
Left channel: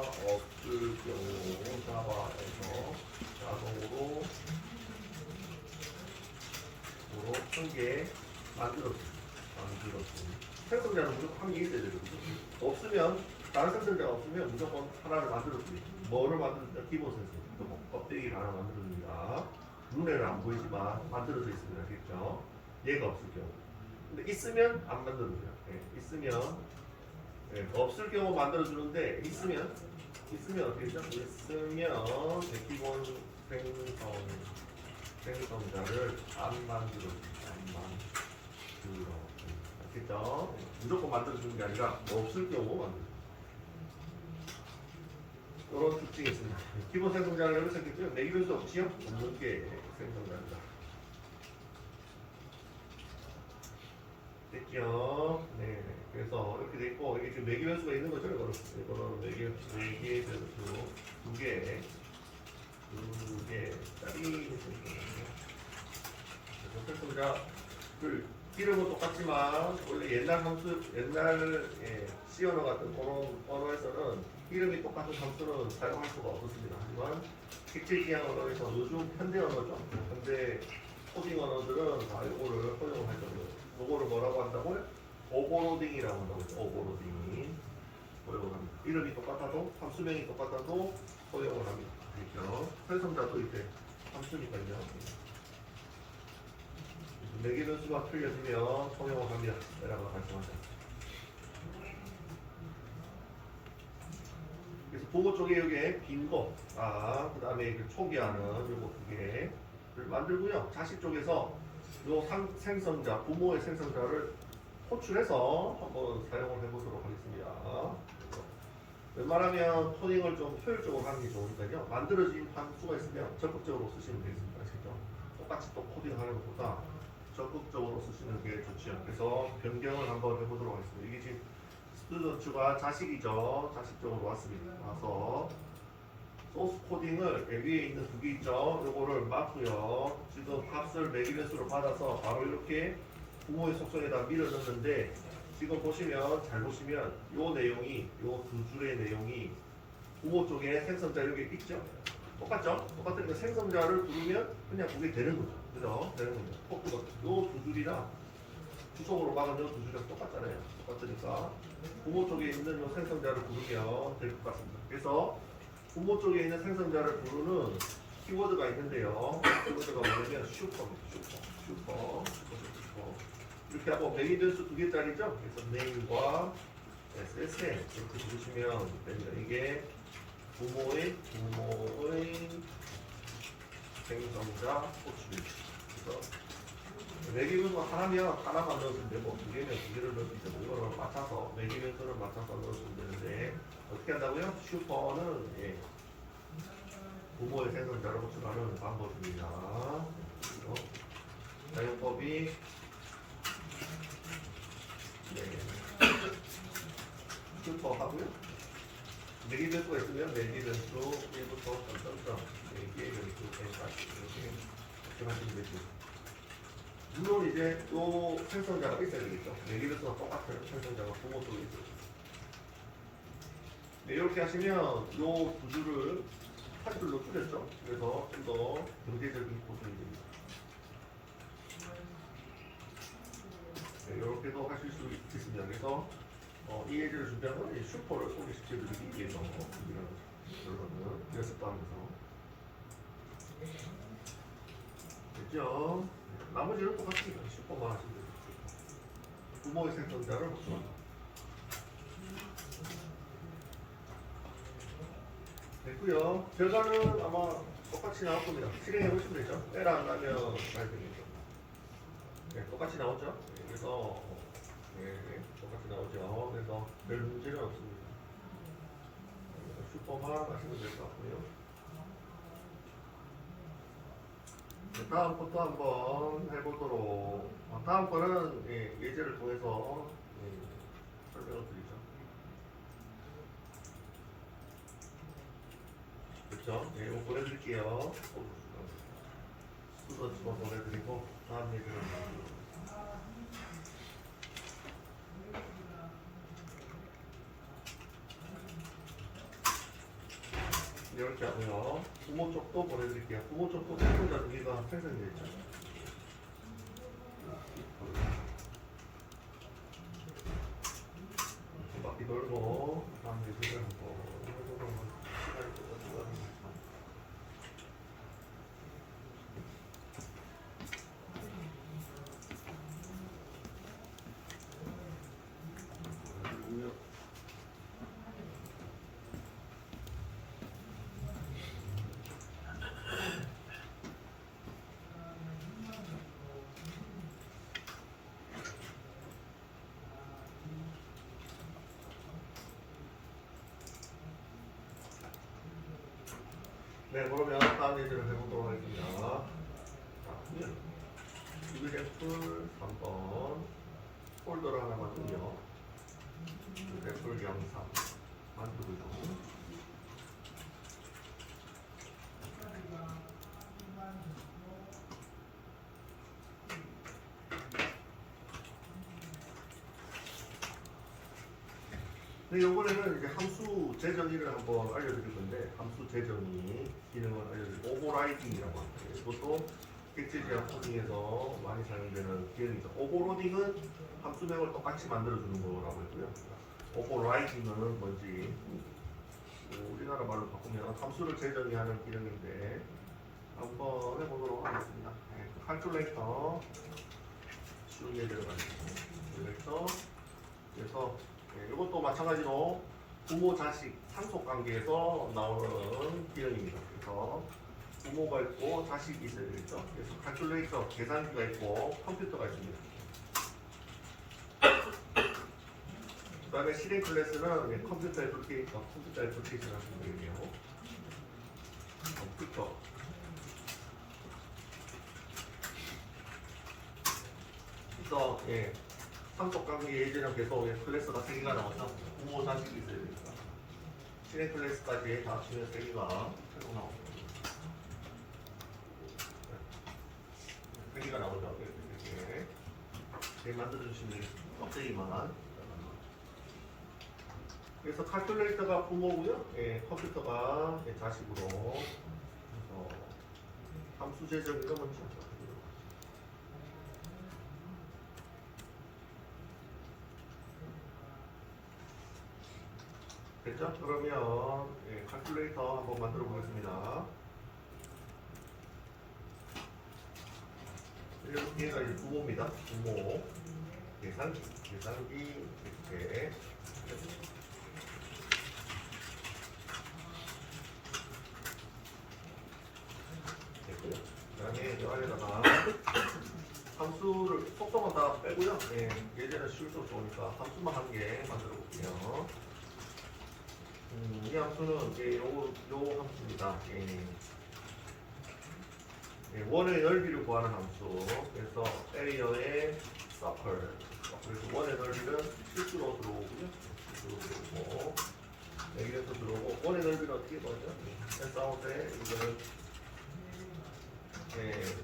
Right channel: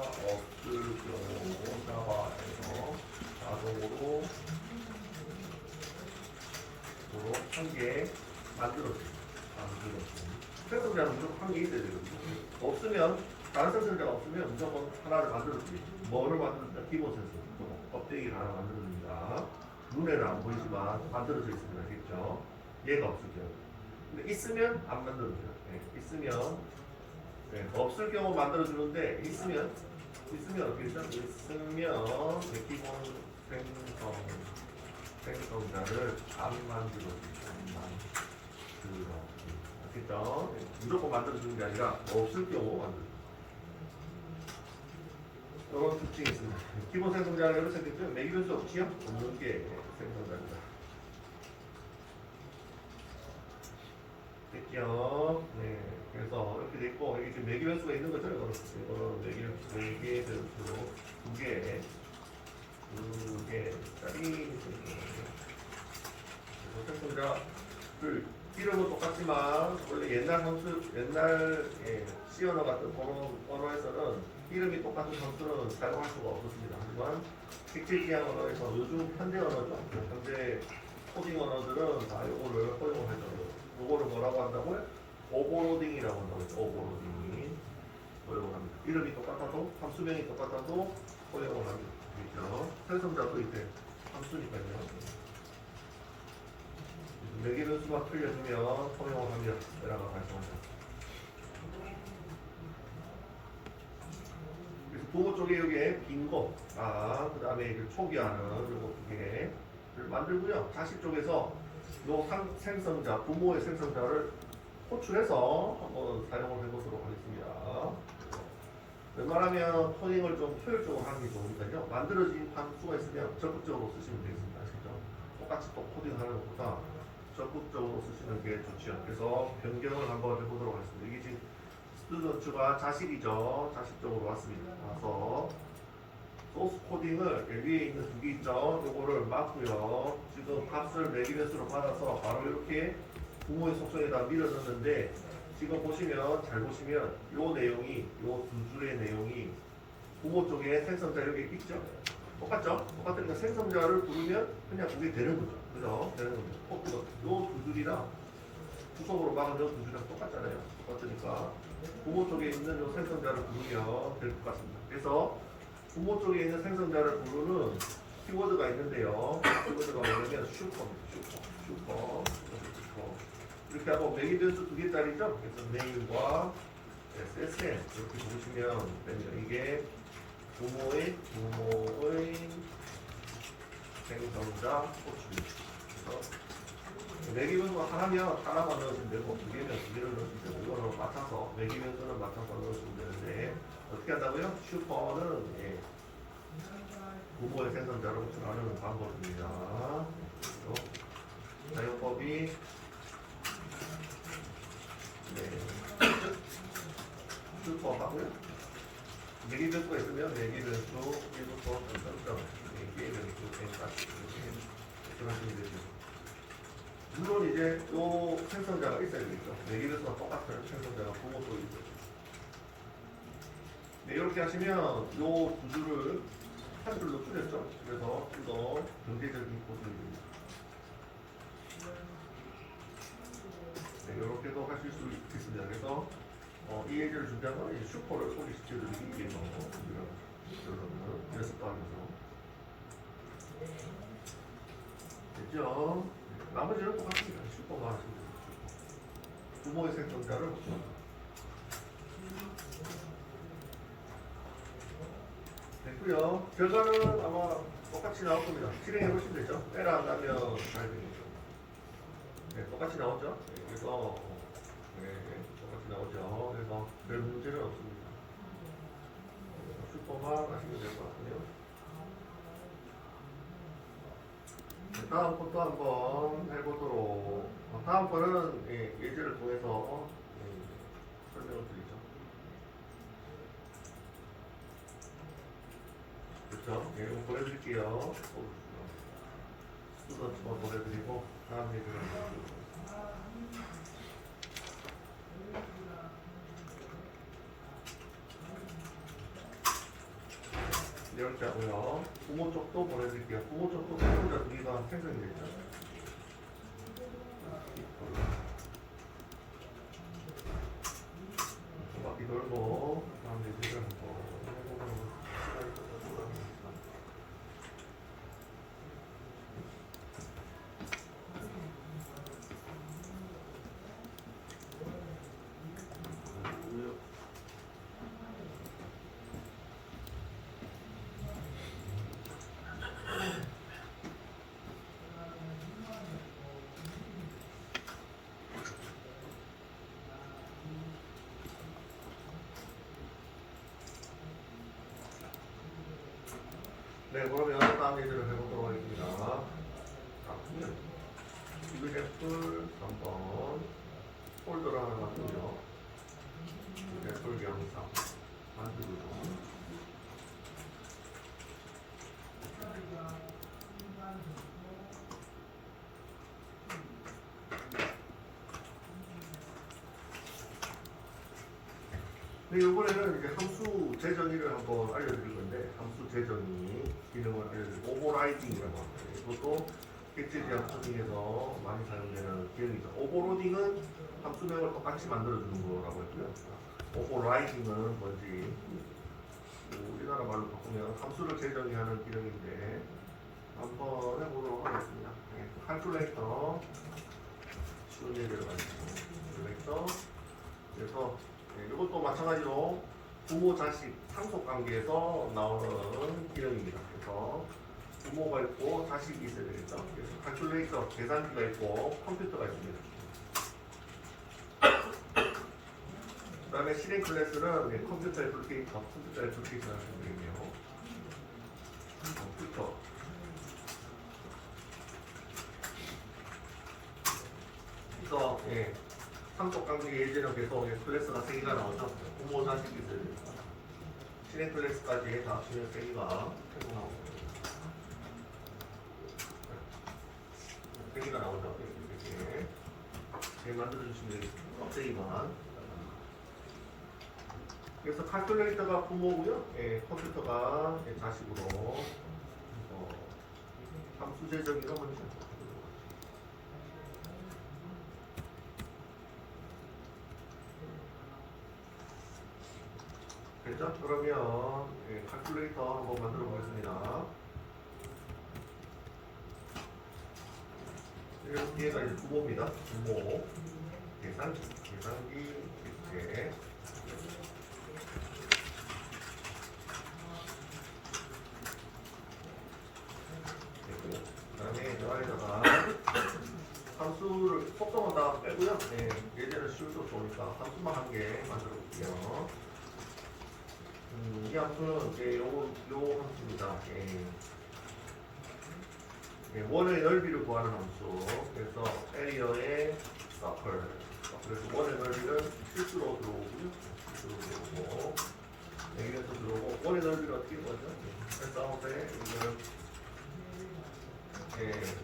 없을 경우 자바에서 자동으로 한 개 만들었습니다. 생성자는 무조건 한 개 있어야 되거든요. 없으면 다른 생성자가 없으면 무조건 하나를 만들었습니다. 뭐를 만들었냐? 기본 생성자. 껍데기를 하나 만들어줍니다. 눈에는 안 보이지만 만들어져 있습니다. 알겠죠? 얘가 없을 경우. 근데 있으면 안 만들어져요. 네, 있으면 네, 없을 경우 만들어주는데 있으면 어떻게 되죠? 있으면 네, 기본 생성자를 안 만들어줍니다. 알겠죠? 네, 무조건 만들어주는 게 아니라 없을 경우 만들어줍니다. 이런 특징이 있습니다. 기본 생성자는 여기 생겼죠? 매기변수 없지요? 없는 게 생성자입니다. 됐죠? 네. 그래서 이렇게 돼 있고, 이게 지금 매기변수가 있는 거죠? 이거는 매기변수 두 개짜리 생성자를 이름은 똑같지만 원래 옛날 C 언어 같은 그런 언어에서는 이름이 똑같은 함수는 사용할 수가 없었습니다. 하지만 객체지향 언어에서 요즘 현대 언어죠. 현대 코딩 언어들은 다 이거를 허용을 할 정도로. 이거를 뭐라고 한다고요? 오버로딩이라고 한다고 했죠. 오버로딩. 허용을 합니다. 이름이 똑같아도 함수명이 똑같아도 허용을 합니다. 그렇죠? 생성자도 이제 함수니까요. 4개 변수가 틀려지면 허용을 합니다. 라고 말씀하셨죠. 그래서 부모 쪽에 여기에 빈 거, 그 다음에 초기화는 요거 2개를 만들고요. 자식 쪽에서 요 생성자, 부모의 생성자를 호출해서 한번 사용을 해보도록 하겠습니다. 웬만하면 토닝을 좀 효율적으로 하는 게 좋으니까요. 만들어진 함수가 있으면 적극적으로 쓰시면 되겠습니다. 아시죠? 똑같이 또 코딩하는 것보다 적극적으로 쓰시는 게 좋죠. 그래서 변경을 한번 해보도록 하겠습니다. 이게 지금 스튜던트가 자식이죠. 자식 쪽으로 왔습니다. 와서 소스 코딩을 위에 있는 두 개 있죠. 요거를 맞고요. 지금 값을 매기변수로 받아서 바로 이렇게 부모의 속성에다 밀어넣는데 지금 보시면 잘 보시면 요 내용이 요 두 줄의 내용이 부모 쪽에 생성자 여기 있죠. 똑같죠? 똑같으니까 생성자를 부르면 그냥 그게 되는 거죠. 그죠? 되는 거죠. 요 두 줄이랑 후속으로 막은 요두 줄이랑 똑같잖아요. 똑같으니까 부모 쪽에 있는 요 생성자를 부르면 될 것 같습니다. 그래서 부모 쪽에 있는 생성자를 부르는 키워드가 있는데요. 키워드가 뭐냐면 슈퍼. 이렇게 하고 매기변수 2개짜리죠. 그래서 name과 SSN 이렇게 보시면 됩니다. 이게 부모의 생성자 호출. 그래서 매기변수 하나면 하나만 넣으시면 되고 2개면 2개를 넣으시면 되고 이거를 맞춰서 매기변수를 맞춰서 넣으시면 되는데 어떻게 한다고요? 슈퍼는 부모의 생성자를 호출하는 방법입니다. 사용법이 슈퍼 하고요. 내기를 거 있으면 내기를 수 1부터 점점점 내기를 수 N까지 이렇게 하시면 되죠. 물론 이제 또 생성자가 있어야겠죠. 내기를 수가 똑같은 생성자가 부모 또 있죠. 네, 이렇게 하시면 요 두 줄을 한 줄로 줄였죠. 그래서 좀 더 경제적인 고생이 됩니다. 네, 이렇게도 하실 수 있습니다. 그래서 이 예제를 준비하면 이 슈퍼를 소개시켜드리기 위해서 연습도 하면서 됐죠? 나머지는 똑같습니다. 슈퍼만 하시면 됩니다. 부모의 생성자를 호출합니다. 됐고요. 결과는 아마 똑같이 나올 겁니다. 실행해 보시면 되죠. 에러 안 나면 잘 되겠죠. 네, 똑같이 나오죠. 그래서 똑같이 나오죠. 그래서 별 문제는 없습니다. 슈퍼만 하시면 될 것 같고요. 다음 것도 한번 해보도록. 다음 거는 예제를 통해서 설명을 드리죠. 그렇죠? 이거 보내드릴게요. 수도 보내드리고 다음 예제를 한번. 이렇게 하고요. 부모 쪽도 보내드릴게요. 부모 쪽도 생존자 두 개가 생성이 됐죠. 바퀴 돌고 다음 예제를 한번 해보도록 시간이 조금 줄어듭니다. 네, 그러면 다음 예제를 해보도록 하겠습니다. 자, 이그제플 3번 폴더를 하나 만들고요. 이그제플 영상 만들고요. 네, 이번에는 이제 함수 재정의를 한번 알려드릴 건데, 함수 재정의 기능을 알려드리고, 오버라이딩이라고 합니다. 이것도 객체 지향 코딩에서 많이 사용되는 기능이죠. 오버로딩은 함수명을 똑같이 만들어주는 거라고 했고요. 오버라이딩은 뭔지, 우리나라 말로 바꾸면 함수를 재정의하는 기능인데, 한번 해보도록 하겠습니다. 칼큘레이터, 쉬운 예제로 가겠습니다. 그래서 이것도 마찬가지로 부모 자식 상속 관계에서 나오는 기능입니다. 그래서 부모가 있고 자식이 있어야 되겠죠. 그래서 칼큘레이터 계산기가 있고 컴퓨터가 있습니다. 그 다음에 실행 클래스는 컴퓨터 애플리케이션, 컴퓨터 애플리케이션 하시면 되겠네요. 컴퓨터. 그래서 상속 관계 예제는 계속 클래스가 3개가 나오죠. 부모 자식이 있어야 되니까. 실행 클래스까지 다 합치면 3개가 최고 나오고. 3개가 나오죠. 이렇게 만들어주시면 되겠습니다. 껍데기만. 그래서 칼큘레이터가 부모고요. 컴퓨터가 자식으로. 그래서 함수 재정의가 먼저. 됐죠? 그러면 칼큘레이터 한번 만들어 보겠습니다. 여기가 이제 부모입니다. 부모 계산기 이렇게 됐고요. 그다음에 이 아래다가 함수를 속성은 다 빼고요. 예제는 쉬울수록 좋으니까 함수만 한 개 만들어 볼게요. 이 함수는 이제 요 함수입니다. 원의 넓이를 구하는 함수. 그래서 에리어의 서클. 그래서 원의 넓이는 실수로 들어오고요. 실수로 들어오고 여기에서 들어오고 원의 넓이를 어떻게 구하죠? 펜사운드에 이거는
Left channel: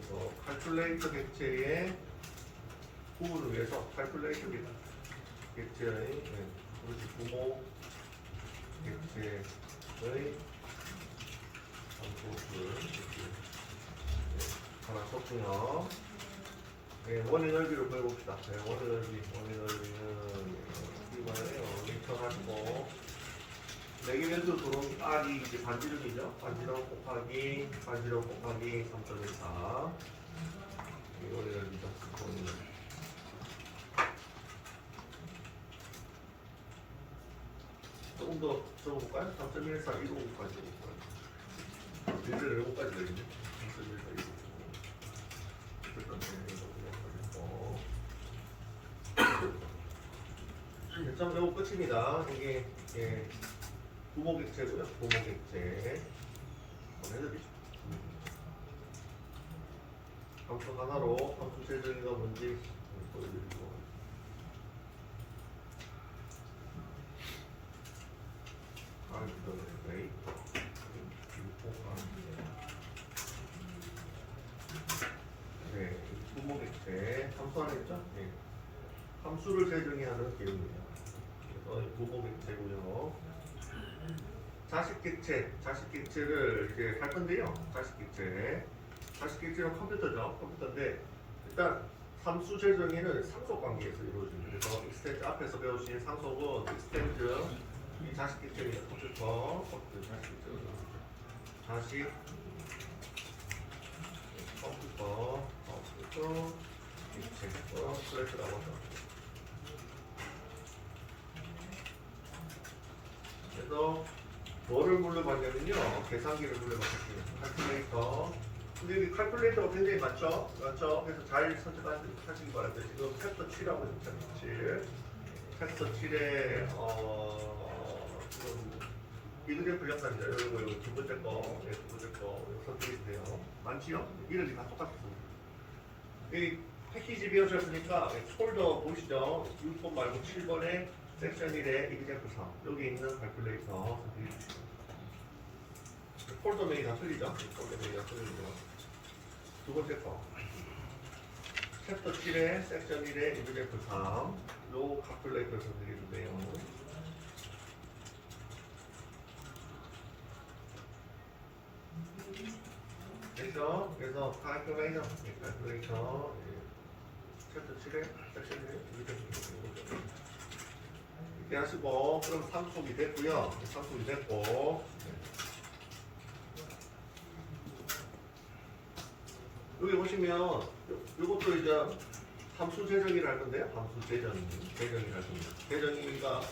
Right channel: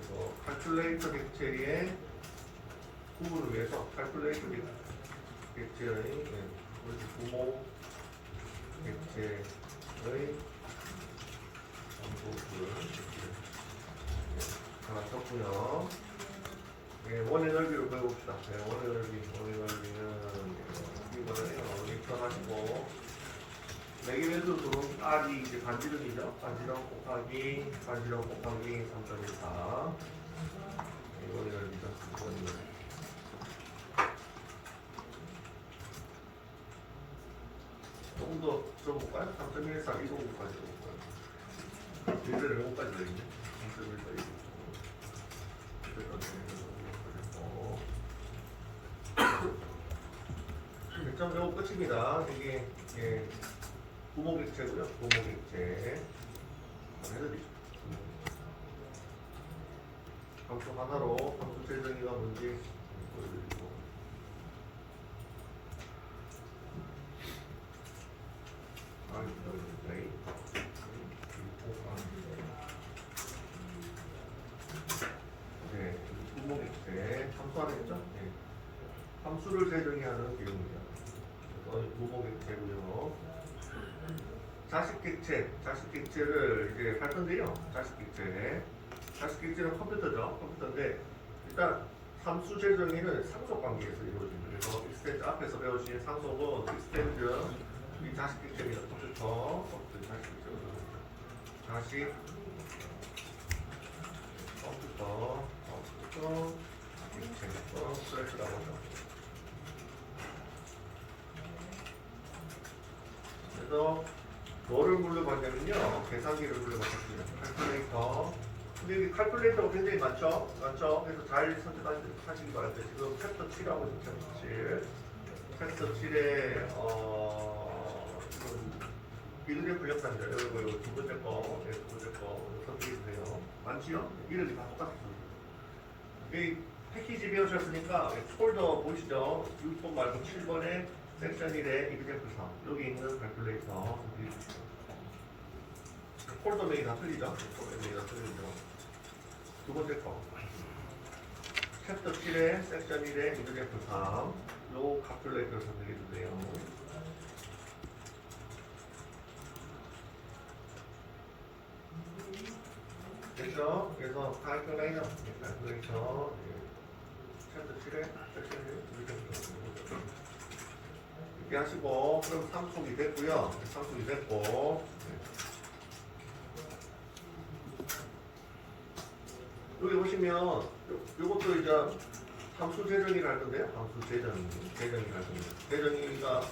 이거 칼큘레이터 객체의 구분을 위해서 칼큘레이터 객체의 부모 객체의 함수를 하나 썼고요. 원의 넓이로 구해봅시다. 원의 넓이는 이거예요. 리턴하시고 레기멘트 들어온 R이 이제 반지름이죠. 반지름 곱하기 3.14. 원의 넓이죠. 원의 넓이. 조금 더 적어볼까요? 3.14 155까지 적어볼까요? 일대를 5까지 되겠네. 3.14 155. 점 배우 끝입니다. 이게 부모객체고요. 부모객체 한번 해드리죠. 함수 하나로 함수 재정의가 뭔지 보여드리고 부모객체 함수 하나 있죠? 함수를 재정의하는 개념입니다. 부모객체고요. 자식객체를 이제 할 건데요. 자식객체는 컴퓨터인데 일단 함수 재정의는 상속관계에서 이루어집니다. 그래서 익스텐드 앞에서 배우신 상속은 익스텐드 이 자식객체입니다. 컴퓨터 자식객체 컴퓨터 객체 슬래시라고 하죠. 그래서 뭐를 물려받냐면요. 계산기를 물려받았습니다. 칼큘레이터. 근데 이 칼큘레이터가 굉장히 많죠? 그래서 잘 선택하시기 바랍니다. 지금 챕터 7하고 있죠. 챕터 7에 지금 비교적 분량사입니다. 여러분 두 번째 거 선택해주세요. 많지요? 이름이 다 똑같습니다. 여기 패키지 배우셨으니까 폴더 보시죠. 6번 말고 7번에 섹션 1에 example 3 여기 있는 칼큘레이터 폴더명이 다 틀리죠? 두 번째 거 챕터 7에 섹션 1에 example 3 요 칼큘레이터 선택해주세요. 됐죠? 그래서 칼큘레이터 챕터 7에 섹션 1에 example 이렇게 하시고 그럼 상속이 됐고요. 상속이 됐고 여기 보시면 이것도 이제 함수 재정의를 할 건데요. 함수 재정의를 할 겁니다. 재정의가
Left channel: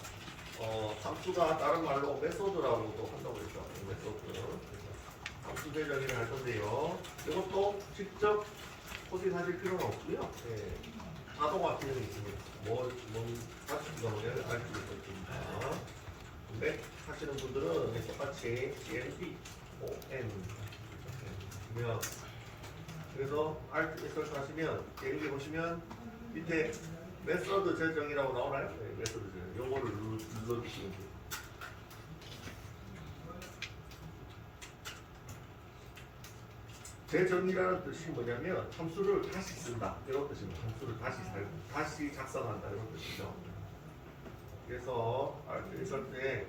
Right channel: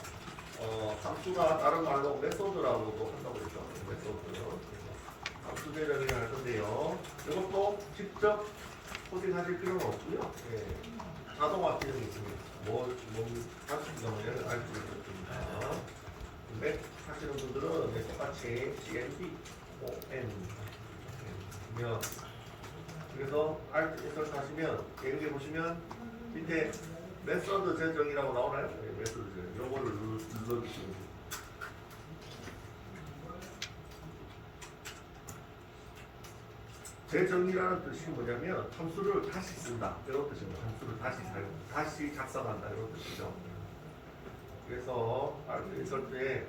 함수가 다른 말로 메소드라고도 한다고 그랬죠. 메소드. 함수 재정의를 할 건데요. 이것도 직접 포식하실 필요는 없고요. 자동화 기능이 있습니다. 가스가 뭐냐면 알고 있습니다. 근데 하시는 분들은 똑같이 CMP, ON 그래서 Alt 인서트 하시면 여기 보시면 밑에 메소드 재정이라고 나오나요? 네, 메소드 재정. 요거를 눌러주시면 돼요. 재정의라는 뜻이 뭐냐면 함수를 다시 쓴다 이런 뜻입니다. 함수를 다시 작성한다 이런 뜻이죠. 그래서 인설트에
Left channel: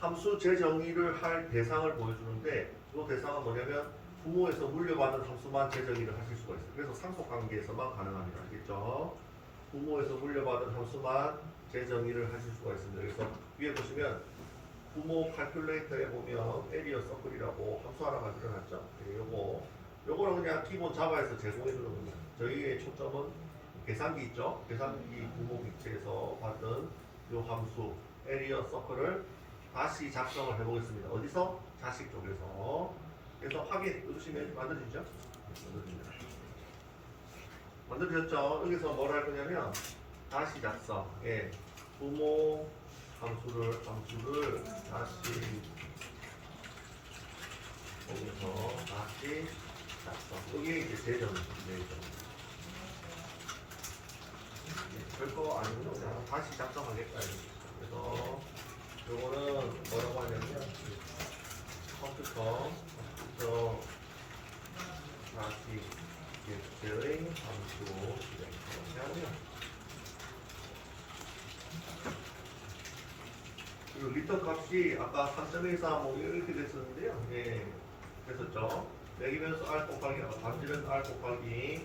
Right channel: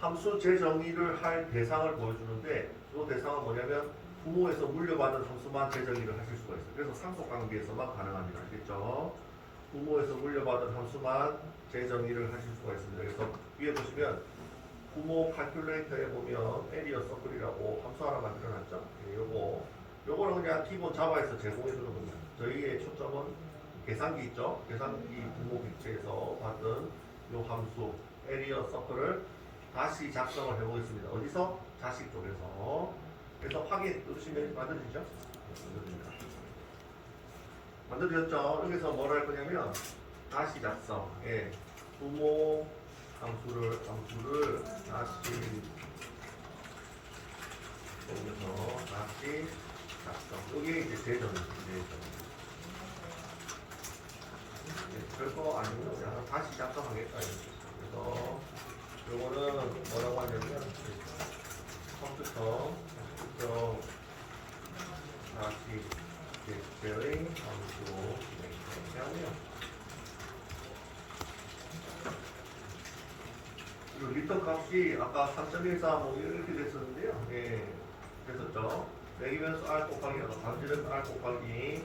함수 재정의를 할 대상을 보여주는데 이 대상은 뭐냐면 부모에서 물려받은 함수만 재정의를 하실 수가 있어요. 그래서 상속관계에서만 가능합니다. 알겠죠? 부모에서 물려받은 함수만 재정의를 하실 수가 있습니다. 그래서 위에 보시면 부모 칼큘레이터에 보면 에리어 서클이라고 함수 하나 만들어놨죠? 요거는 그냥 기본 자바에서 제공해 주는 겁니다. 저희의 초점은 계산기 있죠? 계산기 부모 객체에서 받은 요 함수 에리어 서클을 다시 작성을 해보겠습니다. 어디서? 자식 쪽에서. 그래서 확인 누르시면 만들어지죠? 만들어집니다. 만들어졌죠? 여기서 뭘 할 거냐면 다시 작성. 부모 함수 함수를 다시 여기서 다시 작성. 이게 이제 제점. 별거 아니고요. 그냥 다시 작성하겠다. 그래서 요거는 뭐라고 하냐면 컴퓨터 다시 객체의 함수로 이렇게 하고요. 그리고 리턴 값이 아까 3.14 뭐 이렇게 됐었는데요. 예, 됐었죠. 매기면서 R 곱하기 반지름 R 곱하기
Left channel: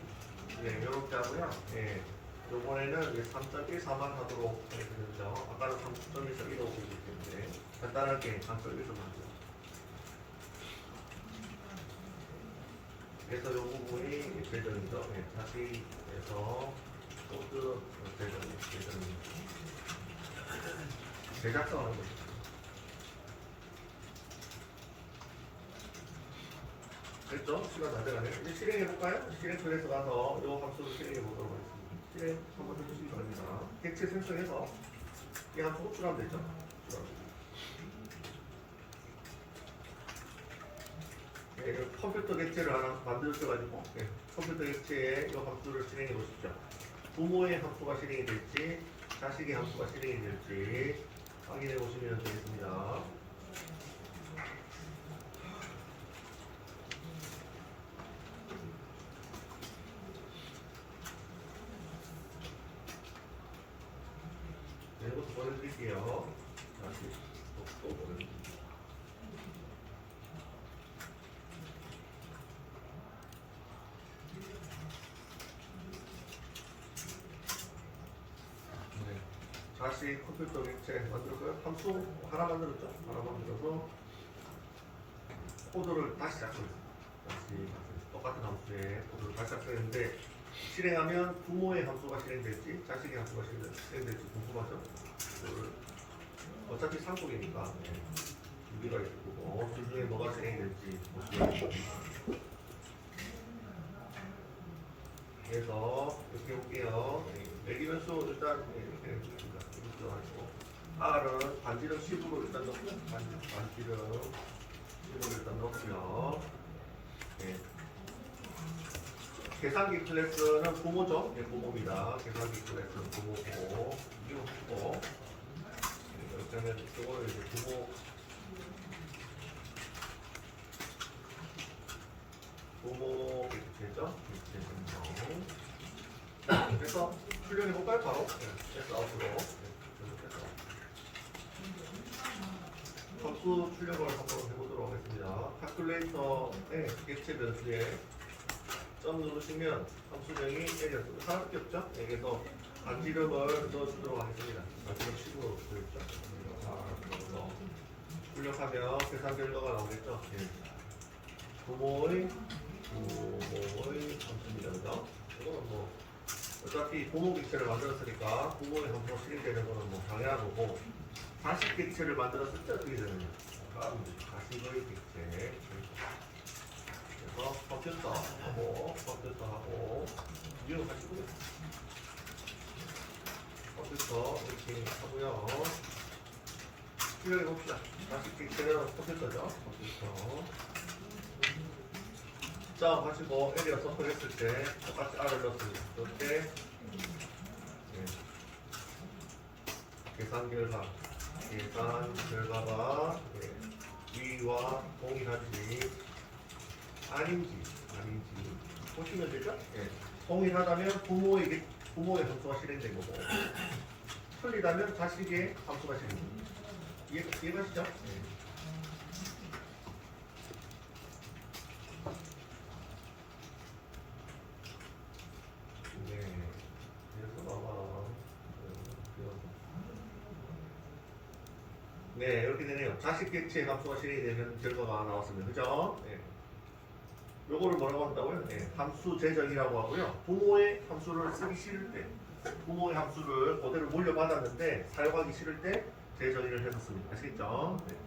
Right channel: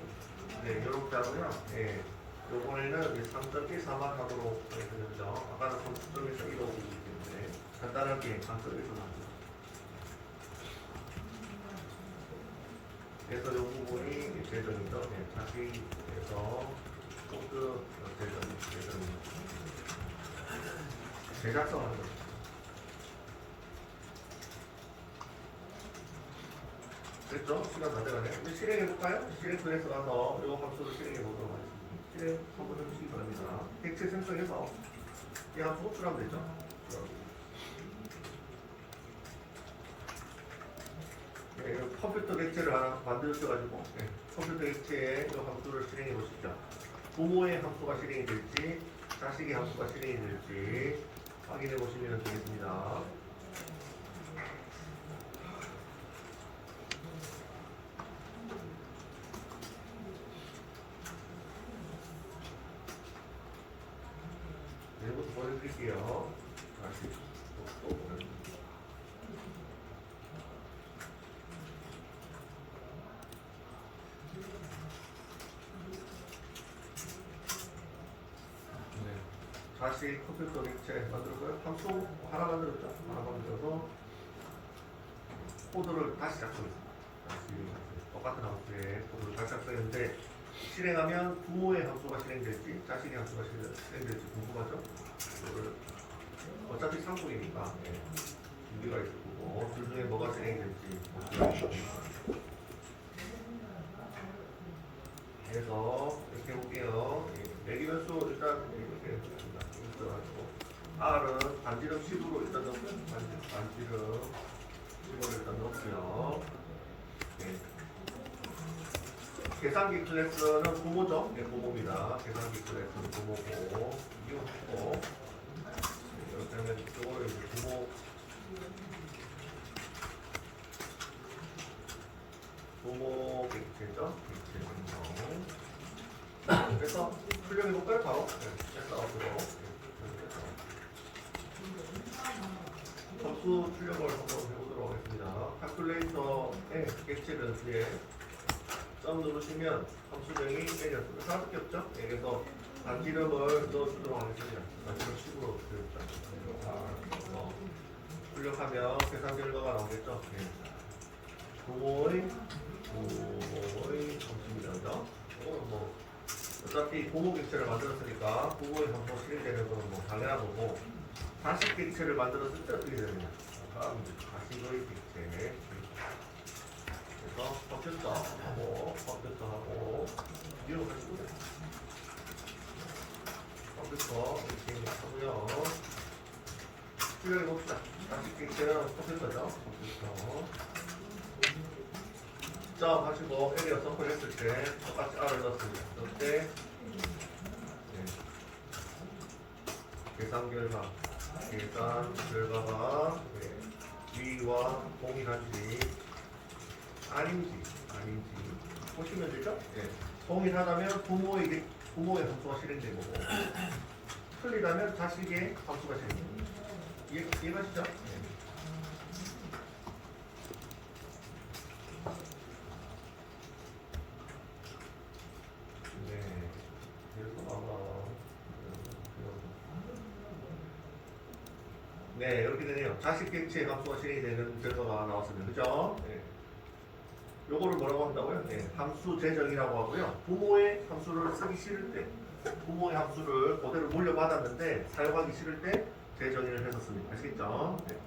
이렇게 하고요. 예. 요번에는 3.14만 하도록 되죠. 아까는 3.14 이러고 있기 때문에 간단하게 3.14만 하죠. 그래서 요 부분이 제점이죠. 네, 자세히 해서 코드 제점입니다. 제작성을 하는 거죠. 됐죠? 시간 다 돼가네요. 이제 실행해볼까요? 실행 클래스 가서 요 함수를 실행해보도록 하겠습니다. 실행 한번 해주시기 바랍니다. 객체 생성해서 이 함수 호출하면 되죠? 네, 이 컴퓨터 객체를 하나 만들어가지고 네, 컴퓨터 객체에 이 함수를 실행해 보십시오. 부모의 함수가 실행이 될지 자식의 함수가 실행이 될지 확인해 보시면 되겠습니다. 네, 이것도 보내드릴게요. 다시 또 보내드릴게요. 다시 컴퓨터 객체 만들었고요. 함수 하나 만들었죠? 하나 만들어서 코드를 다시 작성했습니다. 다시 똑같은 함수에 코드를 다시 작성했는데 실행하면 부모의 함수가 실행될지 자식의 함수가 실행될지 궁금하죠? 이거를 어차피 상속이니까 준비가 있을 거고 둘 중에 뭐가 실행될지 그래서 이렇게 해볼게요. 내리면서 일단 이렇게 해보겠습니다. R은 반지름 10으로 일단 넣고 반지름 10으로 일단 넣고요. 네. 계산기 클래스는 부모죠. 네, 부모입니다. 계산기 클래스는 부모고 이거 했고 이렇게 하면 이거를 이제 부모 객체죠. 그래서 출력해볼까요? 바로 아웃으로 함수 출력을 한번 해보도록 하겠습니다. 칼큘레이터의 객체 변수에 점 누르시면 함수명이 L이었습니다. 사밖에 없죠? 그래서 반지름을 넣어주도록 하겠습니다. 반지름 10으로 되겠죠? 출력하면 계산 결과가 나오겠죠? 부모의 함수입니다. 그죠? 이거는 뭐 어차피 부모 객체를 만들었으니까 부모의 함수가 실행되는 거는 뭐 당연한 거고 자식 객체를 만들었을 때 어떻게 되느냐? 자식의 객체. 그래서 컴퓨터하고 이거 같이 보세요. 컴퓨터 이렇게 하고요. 출력해 봅시다. 자식 객체는 컴퓨터죠. 컴퓨터. 점 하시고 L이가 선포를 했을 때 똑같이 R을 넣습니다. 이때 계산 결과가 위와 동일한지 아닌지 보시면 되죠? 동일하다면 부모의 함수가 실행된 거고 틀리다면 자식의 함수가 실행된 거고 이해가시죠? 네, 이렇게 되네요. 자식 객체의 함수가 실행되는 결과가 나왔습니다. 그죠? 네. 요거를 뭐라고 한다고요? 네, 함수 제정이라고 하고요. 부모의 함수를 쓰기 싫을 때, 부모의 함수를 그대로 물려받았는데 사용하기 싫을 때 제정의를 해줬습니다. 아시겠죠? 네.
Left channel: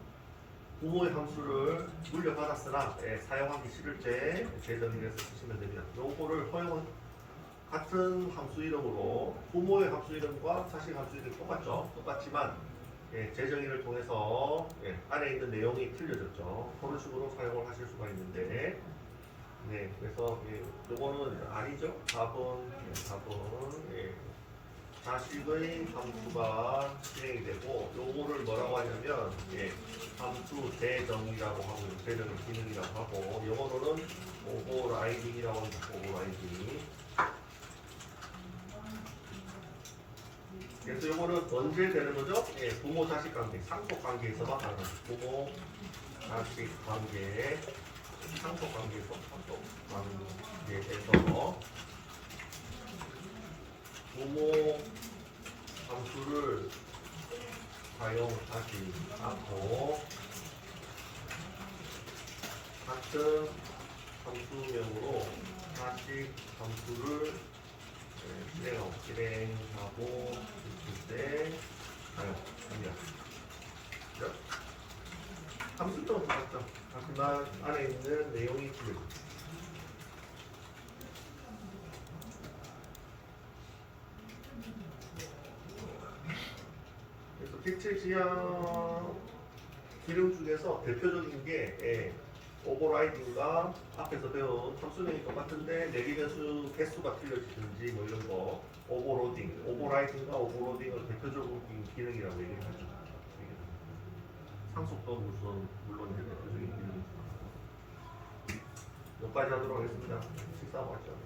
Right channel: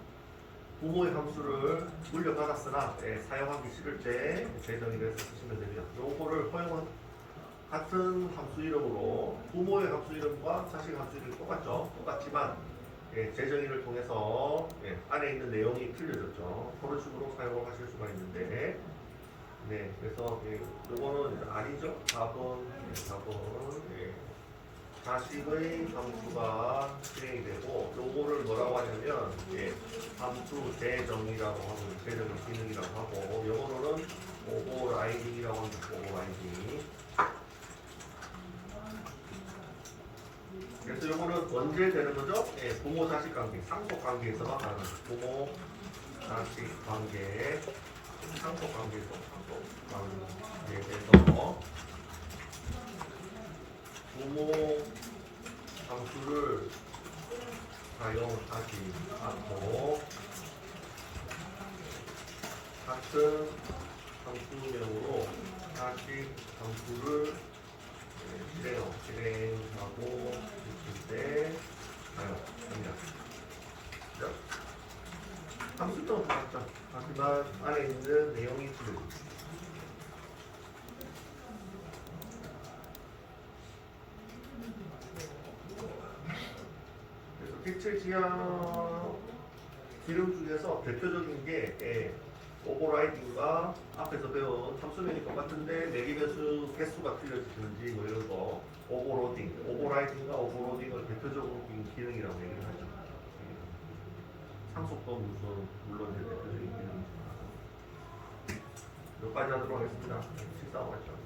부모의 함수를 물려받았으나 사용하기 싫을 때 제정의를 해서 쓰시면 됩니다. 요거를 허용은 같은 함수 이름으로 부모의 함수 이름과 자식 함수 이름이 똑같죠? 똑같지만 재정의를 통해서 안에 있는 내용이 틀려졌죠. 그런 식으로 사용을 하실 수가 있는데, 그래서 요거는 아니죠. 4번, 4번. 자식의 함수가 실행이 되고, 요거를 뭐라고 하냐면, 함수 재정의라고 하고, 재정의 기능이라고 하고, 영어로는 오버라이딩이라고 합니다. 오버라이딩. 그래서 요거는 언제 되는 거죠? 부모 자식 관계, 상속 관계에서만 가능하죠. 부모 자식 관계, 상속 관계에서, 상속 관계에서 부모 함수를 사용하지 않고 같은 함수명으로 자식 함수를 실행하고 있을 때 사용합니다. 함수점은 똑같죠. 하지만 안에 있는 내용이 틀려집니다. 그래서 텍스트 지향 기능 중에서 대표적인 게 오버라이딩과 앞에서 배운 함수명이 똑같은데 내기 변수 개수가 틀려지는지 뭐 이런 거 오버로딩, 오버라이딩과 오버로딩을 대표적인 기능이라고 얘기를 하죠. 상속도 물론 이제 대표적인 기능이지만 여기까지 하도록 하겠습니다. 식사하고 가죠.